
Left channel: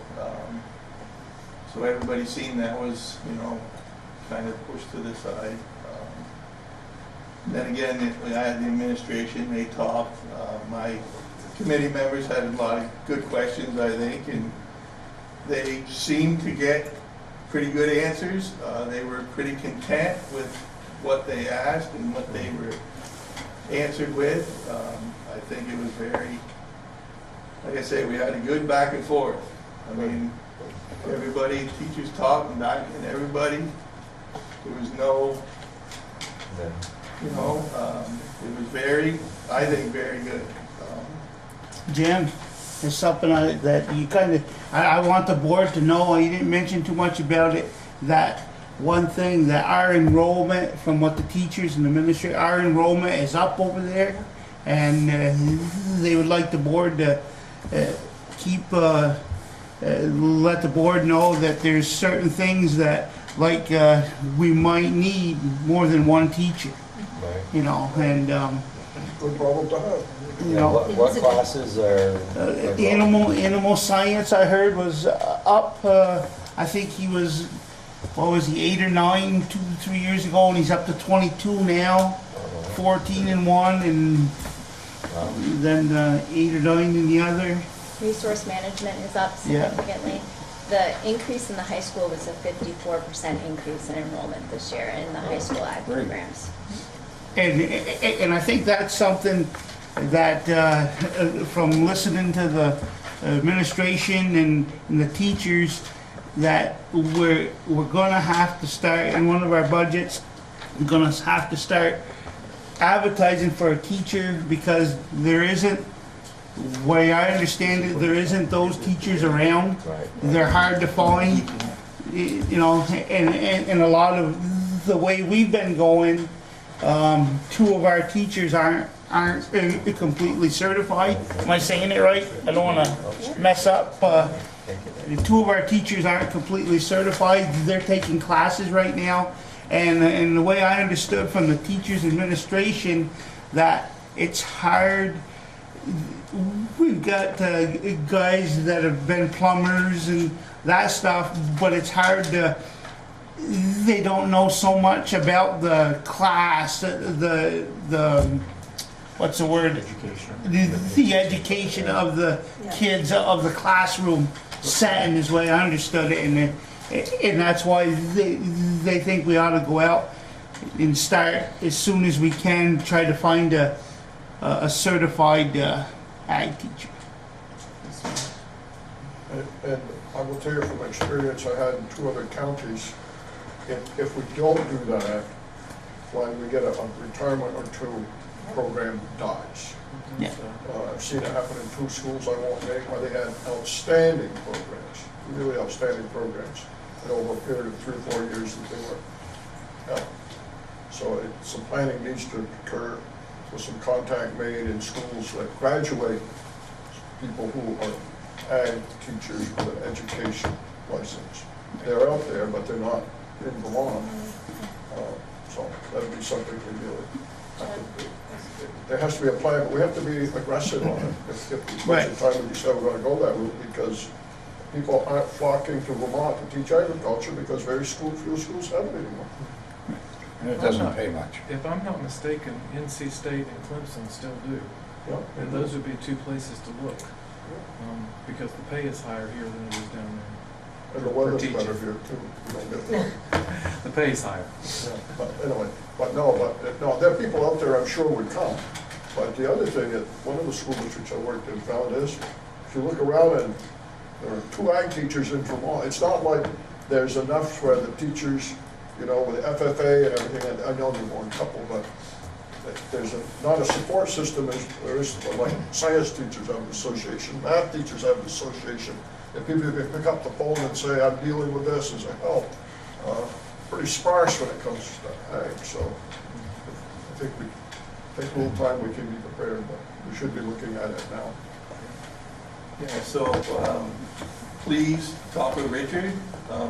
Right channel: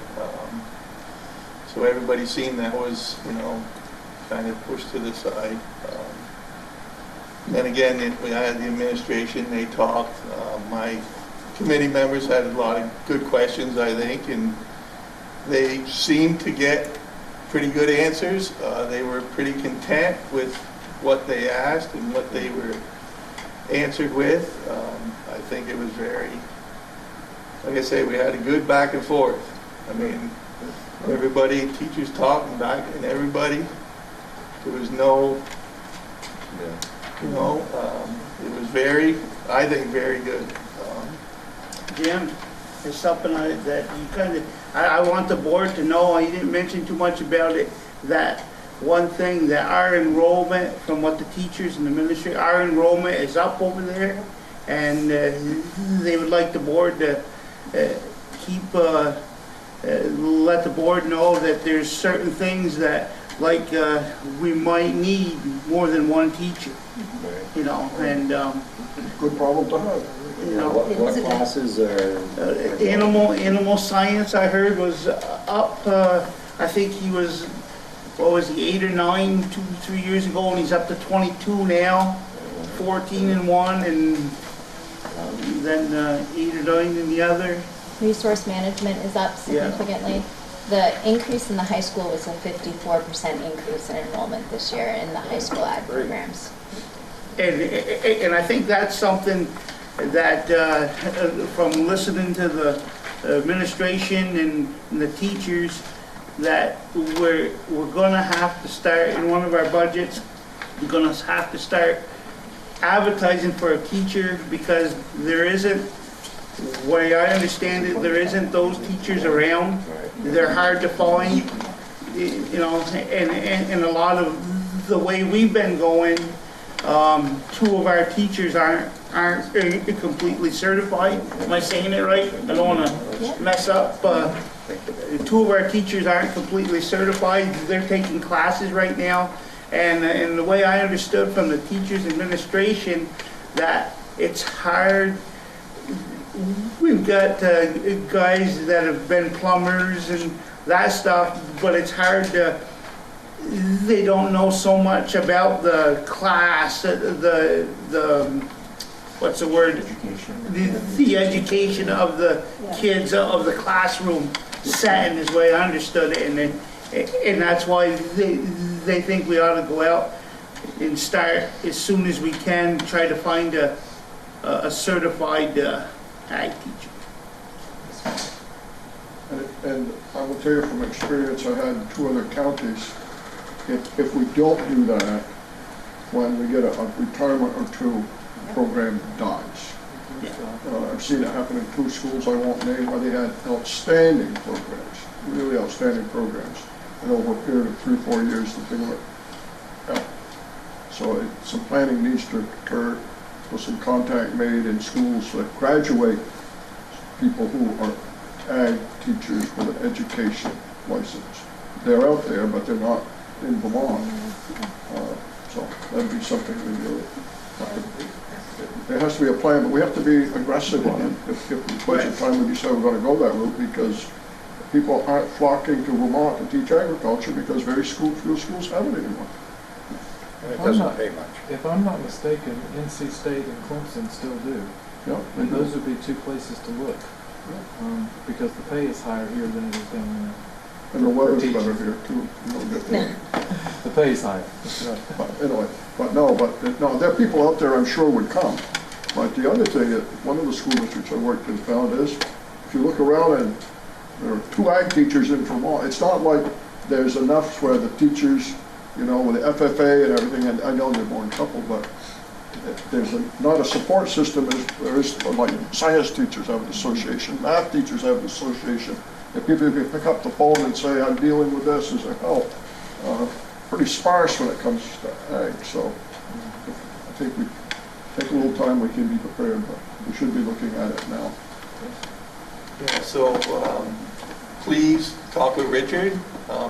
So everybody seen that was, you know, kind of pushed to the side. Then again, we had the administration, they talked. My committee members had a lot of good questions, I think, and they seemed to get pretty good answers. They were pretty content with what they asked and what they were answered with. I think it was very, like I say, we had a good back and forth. I mean, everybody, teachers talking back, and everybody, there was no, you know, it was very, I think, very good. Jim, there's something that you kind of, I want the board to know, you didn't mention too much about it, that one thing, that our enrollment, from what the teachers and the ministry, our enrollment is up over there, and they would like the board to keep, let the board know that there's certain things that, like, we might need more than 1 teacher, you know, and, Good problem to have. you know, What classes are? animal science, I heard, was up, I think he was, what was he, 8 or 9, 2-3 years ago, and he's up to 22 now, 14 in one, and then 8 or 9 in the other. Resource management is up significantly. The increase in the high school was a 54% increase in enrollment this year in the high school ag programs. And I think that's something that, from listening to the administration and the teachers, that we're gonna have to start in one of our budgets, we're gonna have to start advertising for a teacher, because there isn't, way I understand it, there isn't those teachers around. They're hard to find, you know, and a lot of the way we've been going, two of our teachers aren't completely certified. Am I saying it right? I don't wanna mess up. Two of our teachers aren't completely certified. They're taking classes right now. And the way I understood from the teachers' administration, that it's hard. We've got guys that have been plumbers and that stuff, but it's hard to, they don't know so much about the class, the what's the word? Education. The education of the kids, of the classroom setting is the way I understood it, and that's why they think we ought to go out and start as soon as we can, try to find a certified ag teacher. And I will tell you from experience, I had 2 other counties, if we don't do that, when we get a retirement or 2, program dies. Yeah. I've seen it happen in 2 schools I won't name, where they had outstanding programs, really outstanding programs, and over a period of 3 or 4 years, the thing went out. So some planning needs to occur, with some contact made in schools that graduate people who are ag teachers with an education license. They're out there, but they're not in Vermont. So that'd be something we really have to do. There has to be a plan, but we have to be aggressive on it. If it's budget time, we decide we're going to go that route, because people aren't flocking to Vermont to teach agriculture, because very few schools have it anymore. And it doesn't pay much. If I'm not mistaken, NC State and Clemson still do. Yeah. And those would be 2 places to look, because the pay is higher here than it is down there. And the weather's better here too. You don't get the The pay is higher. Yeah, but anyway, no, there are people out there I'm sure would come. But the other thing that one of the school districts I worked in found is, if you look around and there are 2 ag teachers in Vermont, it's not like there's enough where the teachers, you know, with the FFA and everything, and I know there's more than a couple, but there's not a support system as there is, like science teachers have an association, math teachers have an association. If people can pick up the phone and say, I'm dealing with this as a help, pretty sparse when it comes to ag. So I think we take a little time, we can be prepared, but we should be looking at it now. Yeah, so please talk with Richard.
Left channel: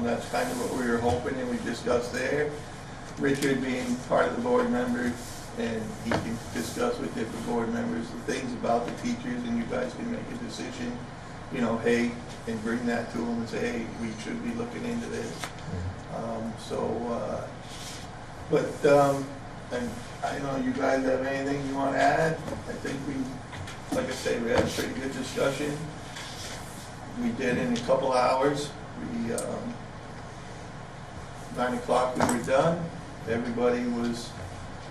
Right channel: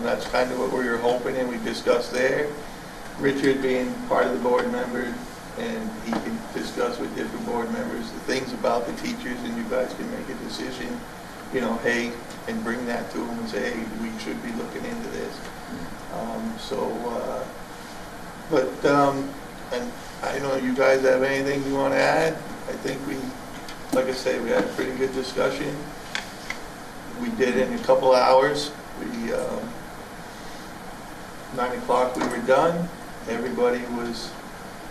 That's kind of what we were hoping, and we discussed there. Richard being part of the board member, and he can discuss with different board members the things about the teachers, and you guys can make a decision, you know, hey, and bring that to them and say, hey, we should be looking into this. And I know you guys have anything you want to add. I think we, like I say, we had a pretty good discussion. We did in a couple hours. 9 o'clock we were done. Everybody was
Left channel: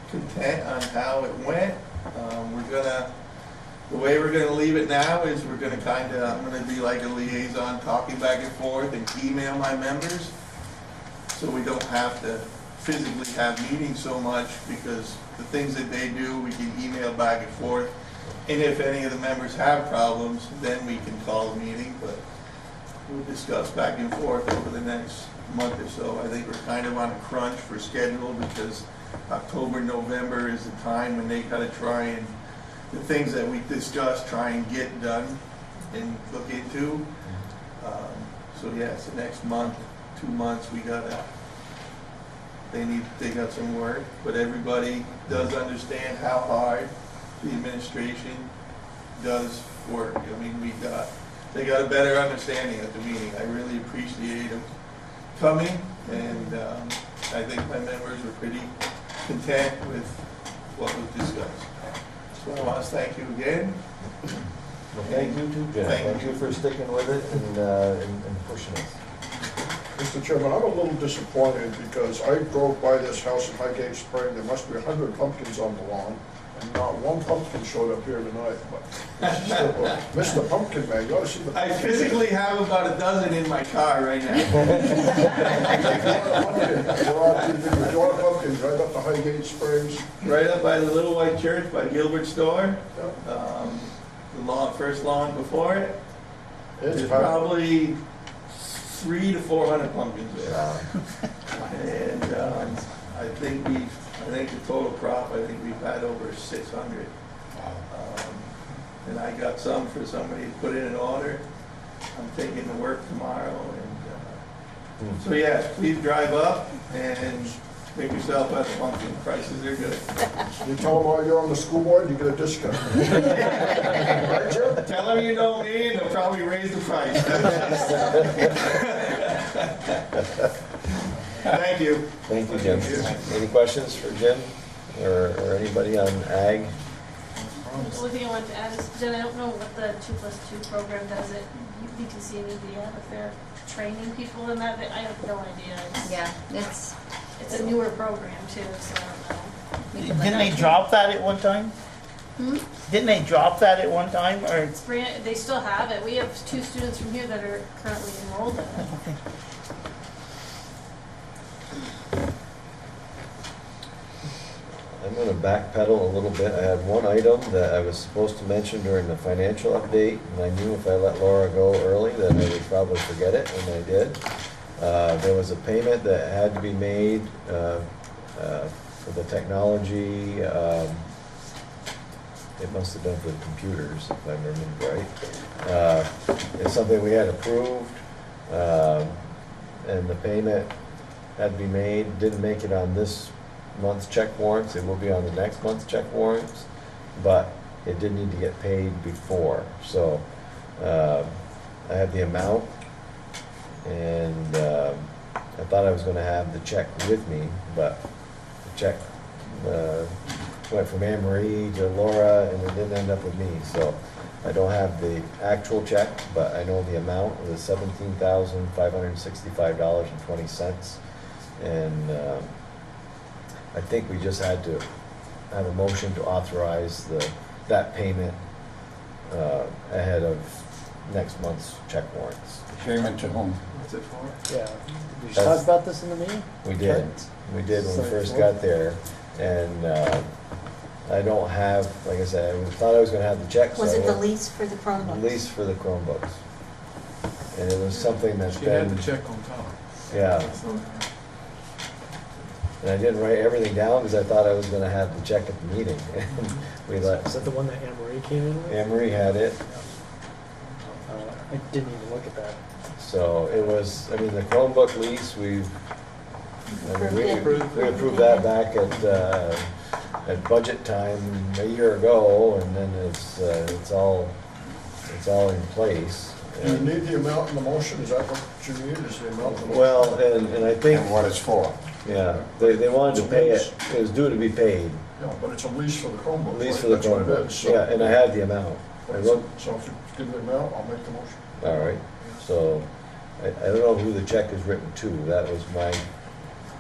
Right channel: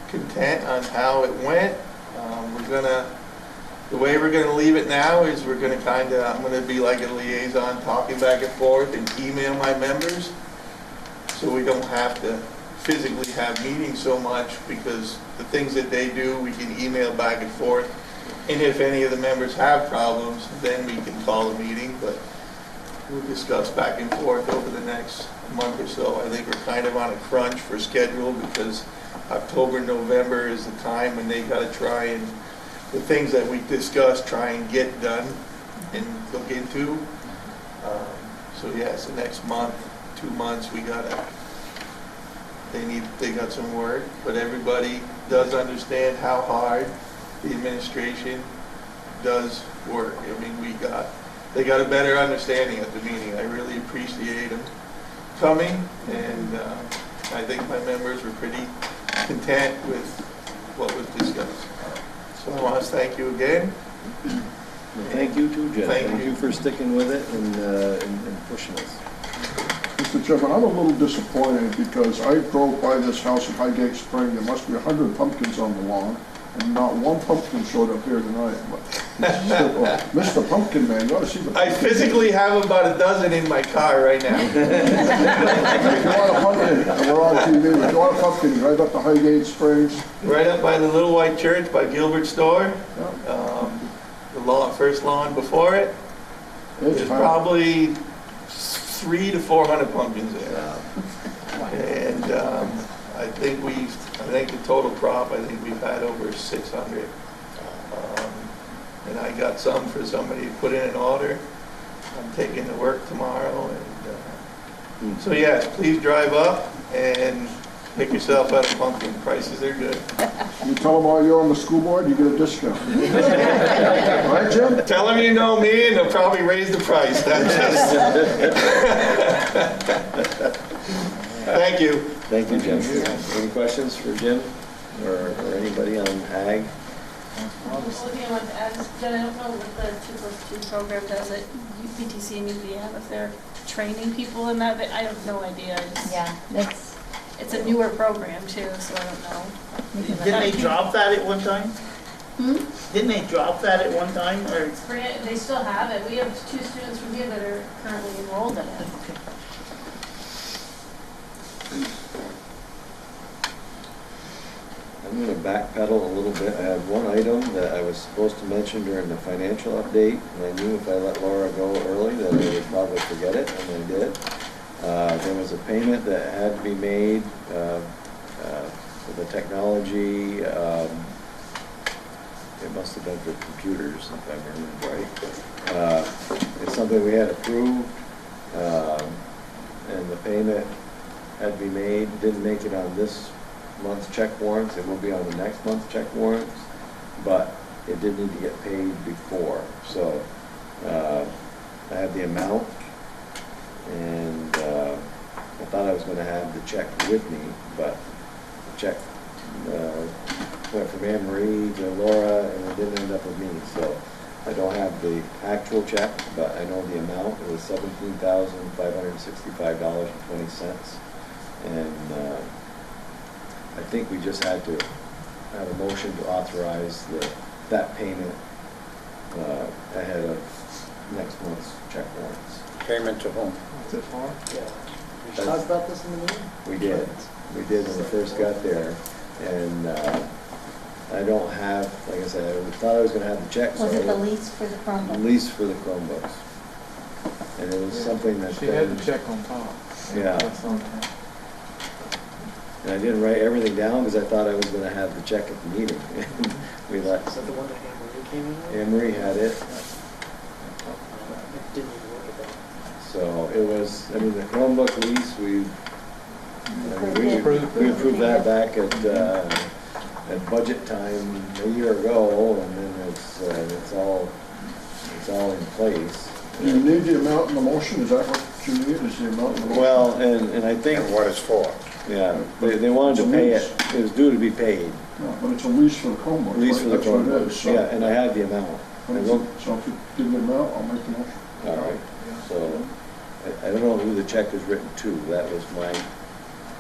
content on how it went. The way we're gonna leave it now is we're gonna I'm gonna be like a liaison, talking back and forth and email my members, so we don't have to physically have meetings so much, because the things that they do, we can email back and forth. And if any of the members have problems, then we can call a meeting, but we'll discuss back and forth over the next month or so. I think we're kind of on a crunch for schedule, because October, November is the time when they gotta try and, the things that we discussed, try and get done and look into. So yeah, it's the next month, 2 months, they got some work, but everybody does understand how hard the administration does work. I mean, they got a better understanding at the meeting. I really appreciate them coming, and I think my members were pretty content with what was discussed. So I want to thank you again. Well, thank you too, Jeff. Thank you for sticking with it and pushing us. Mr. Chairman, I'm a little disappointed, because I drove by this house in Highgate Spring. There must be 100 pumpkins on the lawn, and not one pumpkin showed up here tonight, but Mr. Pumpkin Man, you ought to see the. I physically have about a dozen in my car right now. If you want a pumpkin, and we're on TV, if you want a pumpkin, right up to Highgate Springs. Right up by the Little White Church by Gilbert Store, Yeah. the first lawn before it. It's There's fine. probably 300 to 400 pumpkins there. And I think the total crop, I think we've had over 600. And I got some for somebody to put in an order. I'm taking to work tomorrow. And so yeah, please drive up and pick yourself out a pumpkin. Prices are good. You tell them you're on the school board, you get a discount. Right, Jim? Tell them you know me and they'll probably raise the price. Thank you. Thank you, Jim. Any questions for Jim or anybody on ag? The only thing I wanted to add is, Jen, I don't know what the 2+2 program does at UPTC and UVM, if they're training people in that, but I have no idea. Yeah, it's, It's a newer program too, so I don't know. Didn't they drop that at one time? Hmm? Didn't they drop that at one time, or? It's they still have it. We have 2 students from here that are currently enrolled in it. I'm going to backpedal a little bit. I have one item that I was supposed to mention during the financial update, and I knew if I let Laura go early that I would probably forget it, and I did. There was a payment that had to be made for the technology. It must have been for computers, if I remember right. It's something we had approved, and the payment had to be made. Didn't make it on this month's check warrants. It will be on the next month's check warrants, but it did need to get paid before. So I have the amount, and I thought I was going to have the check with me, but the check went from Anne Marie to Laura, and it didn't end up with me. So I don't have the actual check, but I know the amount. It was $17,565.20, and I think we just had to have a motion to authorize that payment ahead of next month's check warrants. Payment to whom? Is it far? Yeah. We just talked about this in the meeting? We did when we first got there, and I don't have, like I said, I thought I was gonna have the check. Was so it the lease for the Chromebooks? The lease for the Chromebooks. And it was something that She had then, the check on top. yeah, That's all. and I didn't write everything down because I thought I was gonna have the check at the meeting. We let, Is that the one that Anne Marie came in with? Anne Marie had it, I didn't even look at that. so it was, I mean, the Chromebook lease, we approved that back at budget time a year ago, and then it's all in place. Do you need the amount in the motion? Is that what you need, is the amount in the motion? Well, and I think, And what it's for. yeah, they wanted to pay it, it was due to be paid, No, but it's a lease for the Chromebook. lease for the That's what it Chromebook, is, so- yeah, and I had the amount. I wrote, So if you give me the amount, I'll make the motion. all right, so, I don't know who the check is written to, that was my,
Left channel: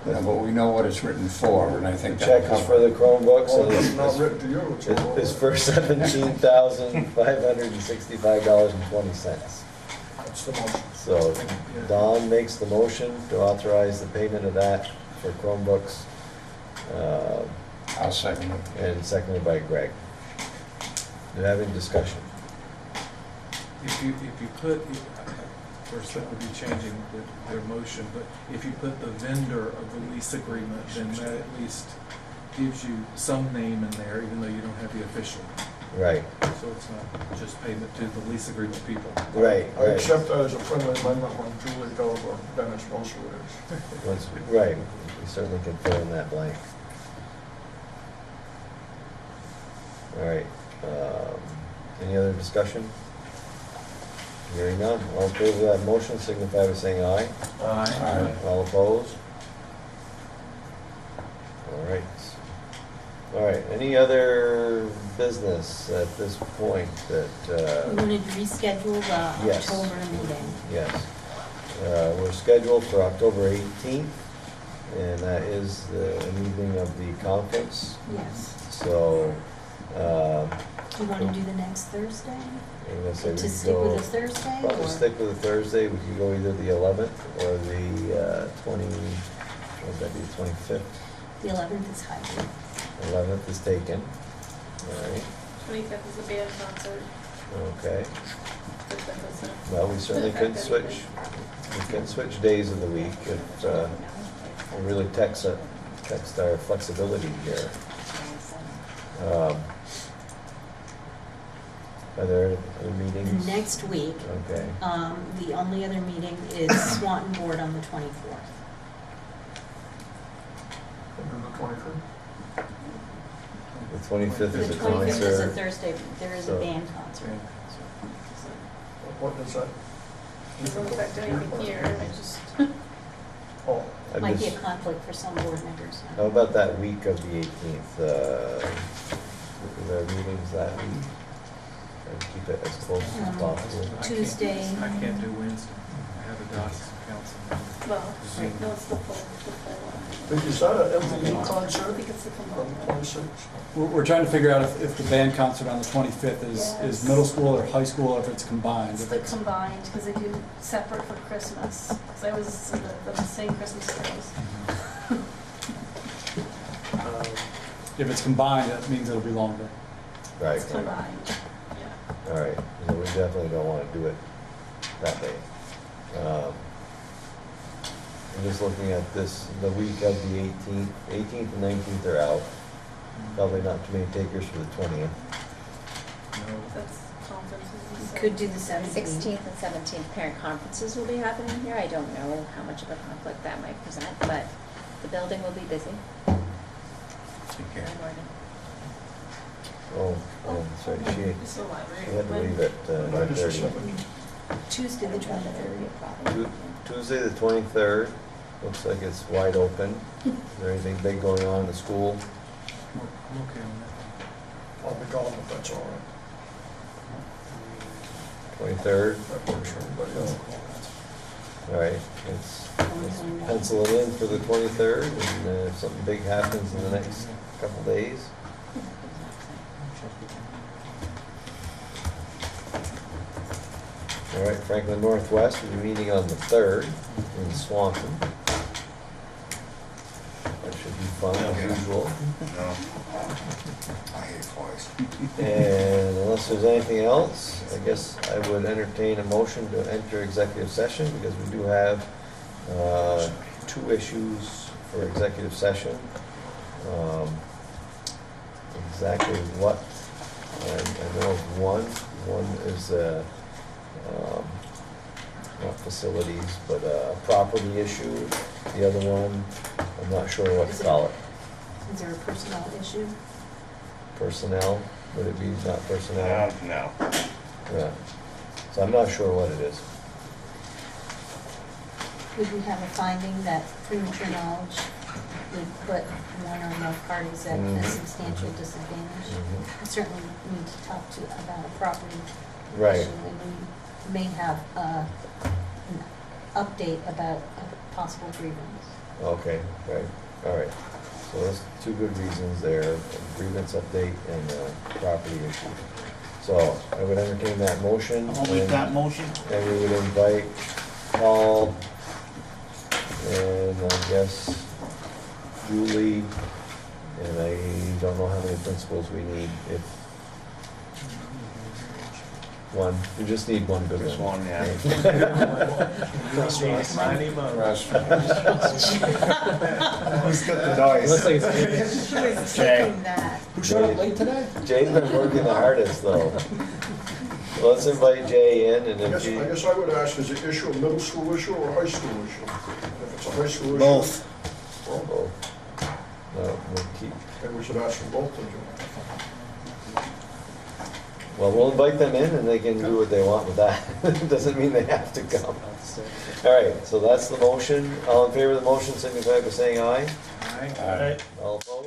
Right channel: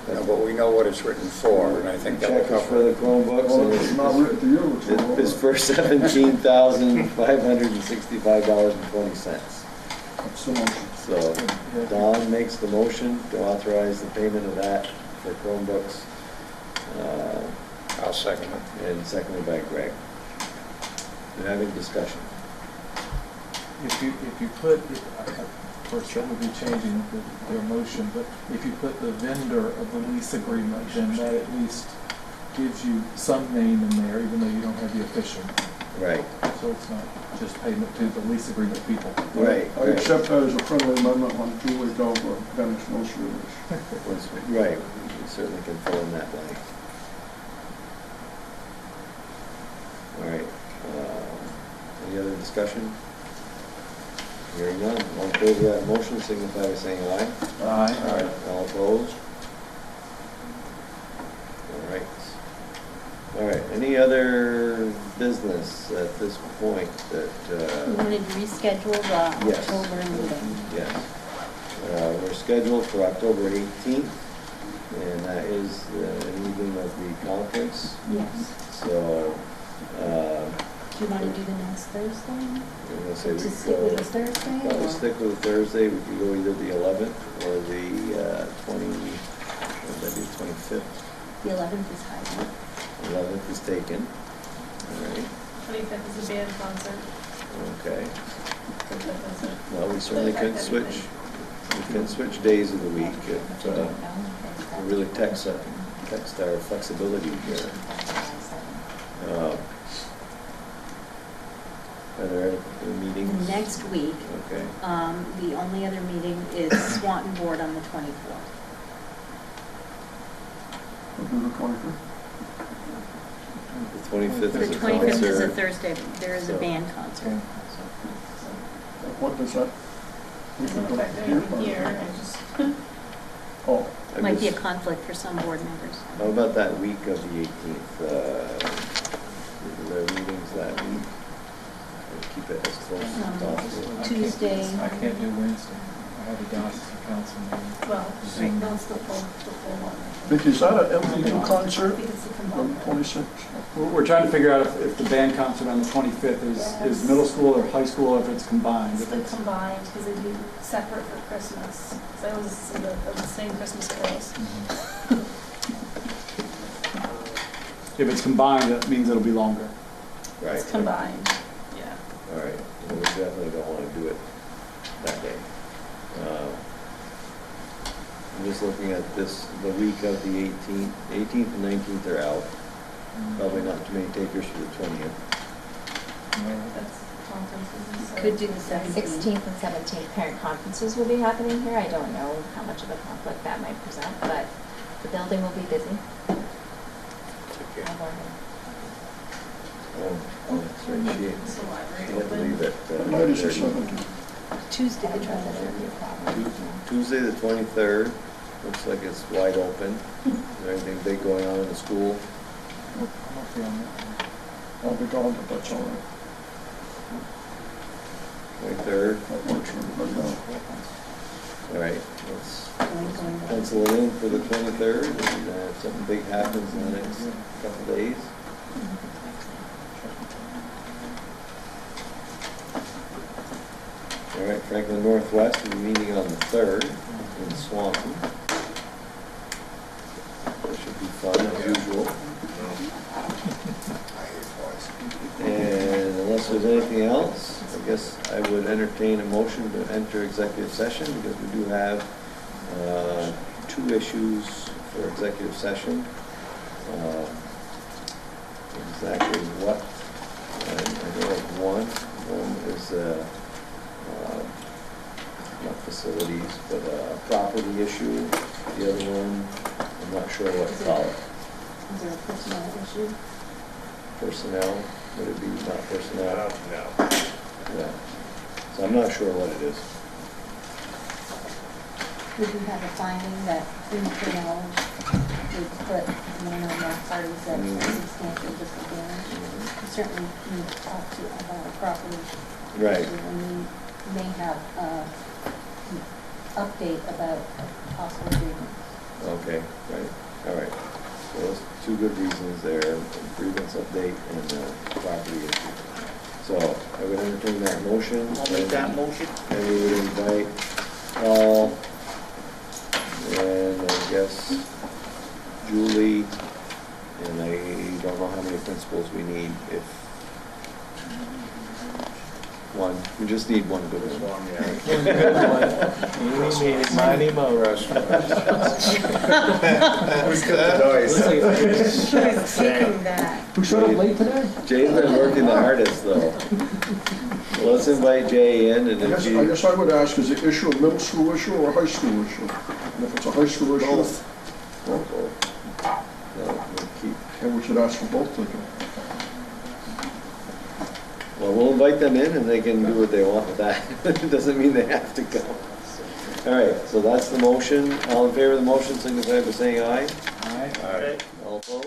Yeah, but we know what it's written for, and I think the that check is for the Chromebooks, Well, and it's not written to you, it's. it's for $17,565.20. That's the motion. So Don makes the motion to authorize the payment of that for Chromebooks, I'll second it. and seconded by Greg. You have any discussion? If you put, first that would be changing their motion, but if you put the vendor of the lease agreement, then that at least gives you some name in there, even though you don't have the official. Right, So it's not just payment to the lease agreement people. right, I right. accept that as a friendly amendment when Julie tells Dennis knows who it is. Right, you certainly can fill in that blank. All right, any other discussion? Hearing none, all in favor of that motion, signify by saying aye. Aye. All opposed? All right, any other business at this point We that, wanted to reschedule the Yes. October meeting. yes. We're scheduled for October 18th, and that is an evening of the conference. Yes. So Do you wanna do the next Thursday? Let's say we To stick go, with the Thursday, well, or? we'll stick with Thursday, we can go either the 11th or the 25th. The 11th is hybrid. 11th is taken. All right, 25th is a band concert. okay. Looks like that's it. Well, we certainly could switch, we can switch days of the week if, we really text our flexibility here. Are there any meetings? Next week, Okay, the only other meeting is Swanton Board on the 24th. We'll do the 23rd. the 25th The is a 25th is a concert. Thursday, there is a So- band concert. What does that? Doesn't affect anything here, I just. Oh, I Might be a guess- conflict for some board members. How about that week of the 18th? Is there meetings that week? Try to keep it as close as possible. Tuesday. I can't do Wednesday. I have a diocesan council meeting. Well, right now it's the full one. Vicky, is that an MVU I concert think it's the on combined. the 26th? We're trying to figure out if the band concert on the 25th is middle school or high school, or if it's combined. It's If the it's, combined, because they do separate for Christmas. So I was in the same Christmas it was. if it's combined, that means it'll be longer. Right. It's combined, yeah. All right, so we definitely don't want to do it that day. I'm just looking at this, the week of the 18th and 19th are out. Probably not too many takers for the 20th. That's conferences. Could do the 17th. 16th and 17th parent conferences will be happening here. I don't know how much of a conflict that might present, but the building will be busy. Okay. I'm working. Oh, sorry, It's the she library. had to leave at Minus or 9:30. 17? Tuesday, the 23rd. Tuesday, the 23rd, looks like it's wide open. Is there anything big going on in the school? I'm okay on that one. I'll be gone if that's all right. 23rd, That works for everybody else. all right, let's pencil it in for the 23rd, and we're gonna have something big happens in the next couple days. All right, Franklin Northwest, we're meeting on the 3rd in Swanton. That should be fun as usual. I hate flies. And unless there's anything else, I guess I would entertain a motion to enter executive session because we do have 2 issues for executive session. Exactly what, and I know of one is not facilities, but a property issue. The other one, I'm not sure what to call it. Is there a personnel issue? Personnel, would it be not personnel? No. Yeah, so I'm not sure what it is. Would you have a finding that premature knowledge would put one or more parties at a substantial disadvantage? We certainly need to talk to about a property Right, issue, and we may have an update about a possible grievance. okay, right, all right. So that's 2 good reasons there, a grievance update and a property issue. So I would entertain that motion. I'll make that motion. And we would invite Paul and I guess Julie, and I don't know how many principals we need, if one, we just need one good Just one. one, yeah. Mighty Mo. Rush. Who's got the noise? Keeping that. Who showed up late today? Jay's been working the hardest though. So let's invite Jay in and I if you. guess I would ask, is the issue a middle school issue or a high school issue? And if it's a high school issue. Both. Well, No, we'll keep. and we should ask for both, don't you? Well, we'll invite them in and they can do what they want with that. It doesn't mean they have to come. All right, so that's the motion. All in favor of the motion, signify by saying aye. All right. All opposed?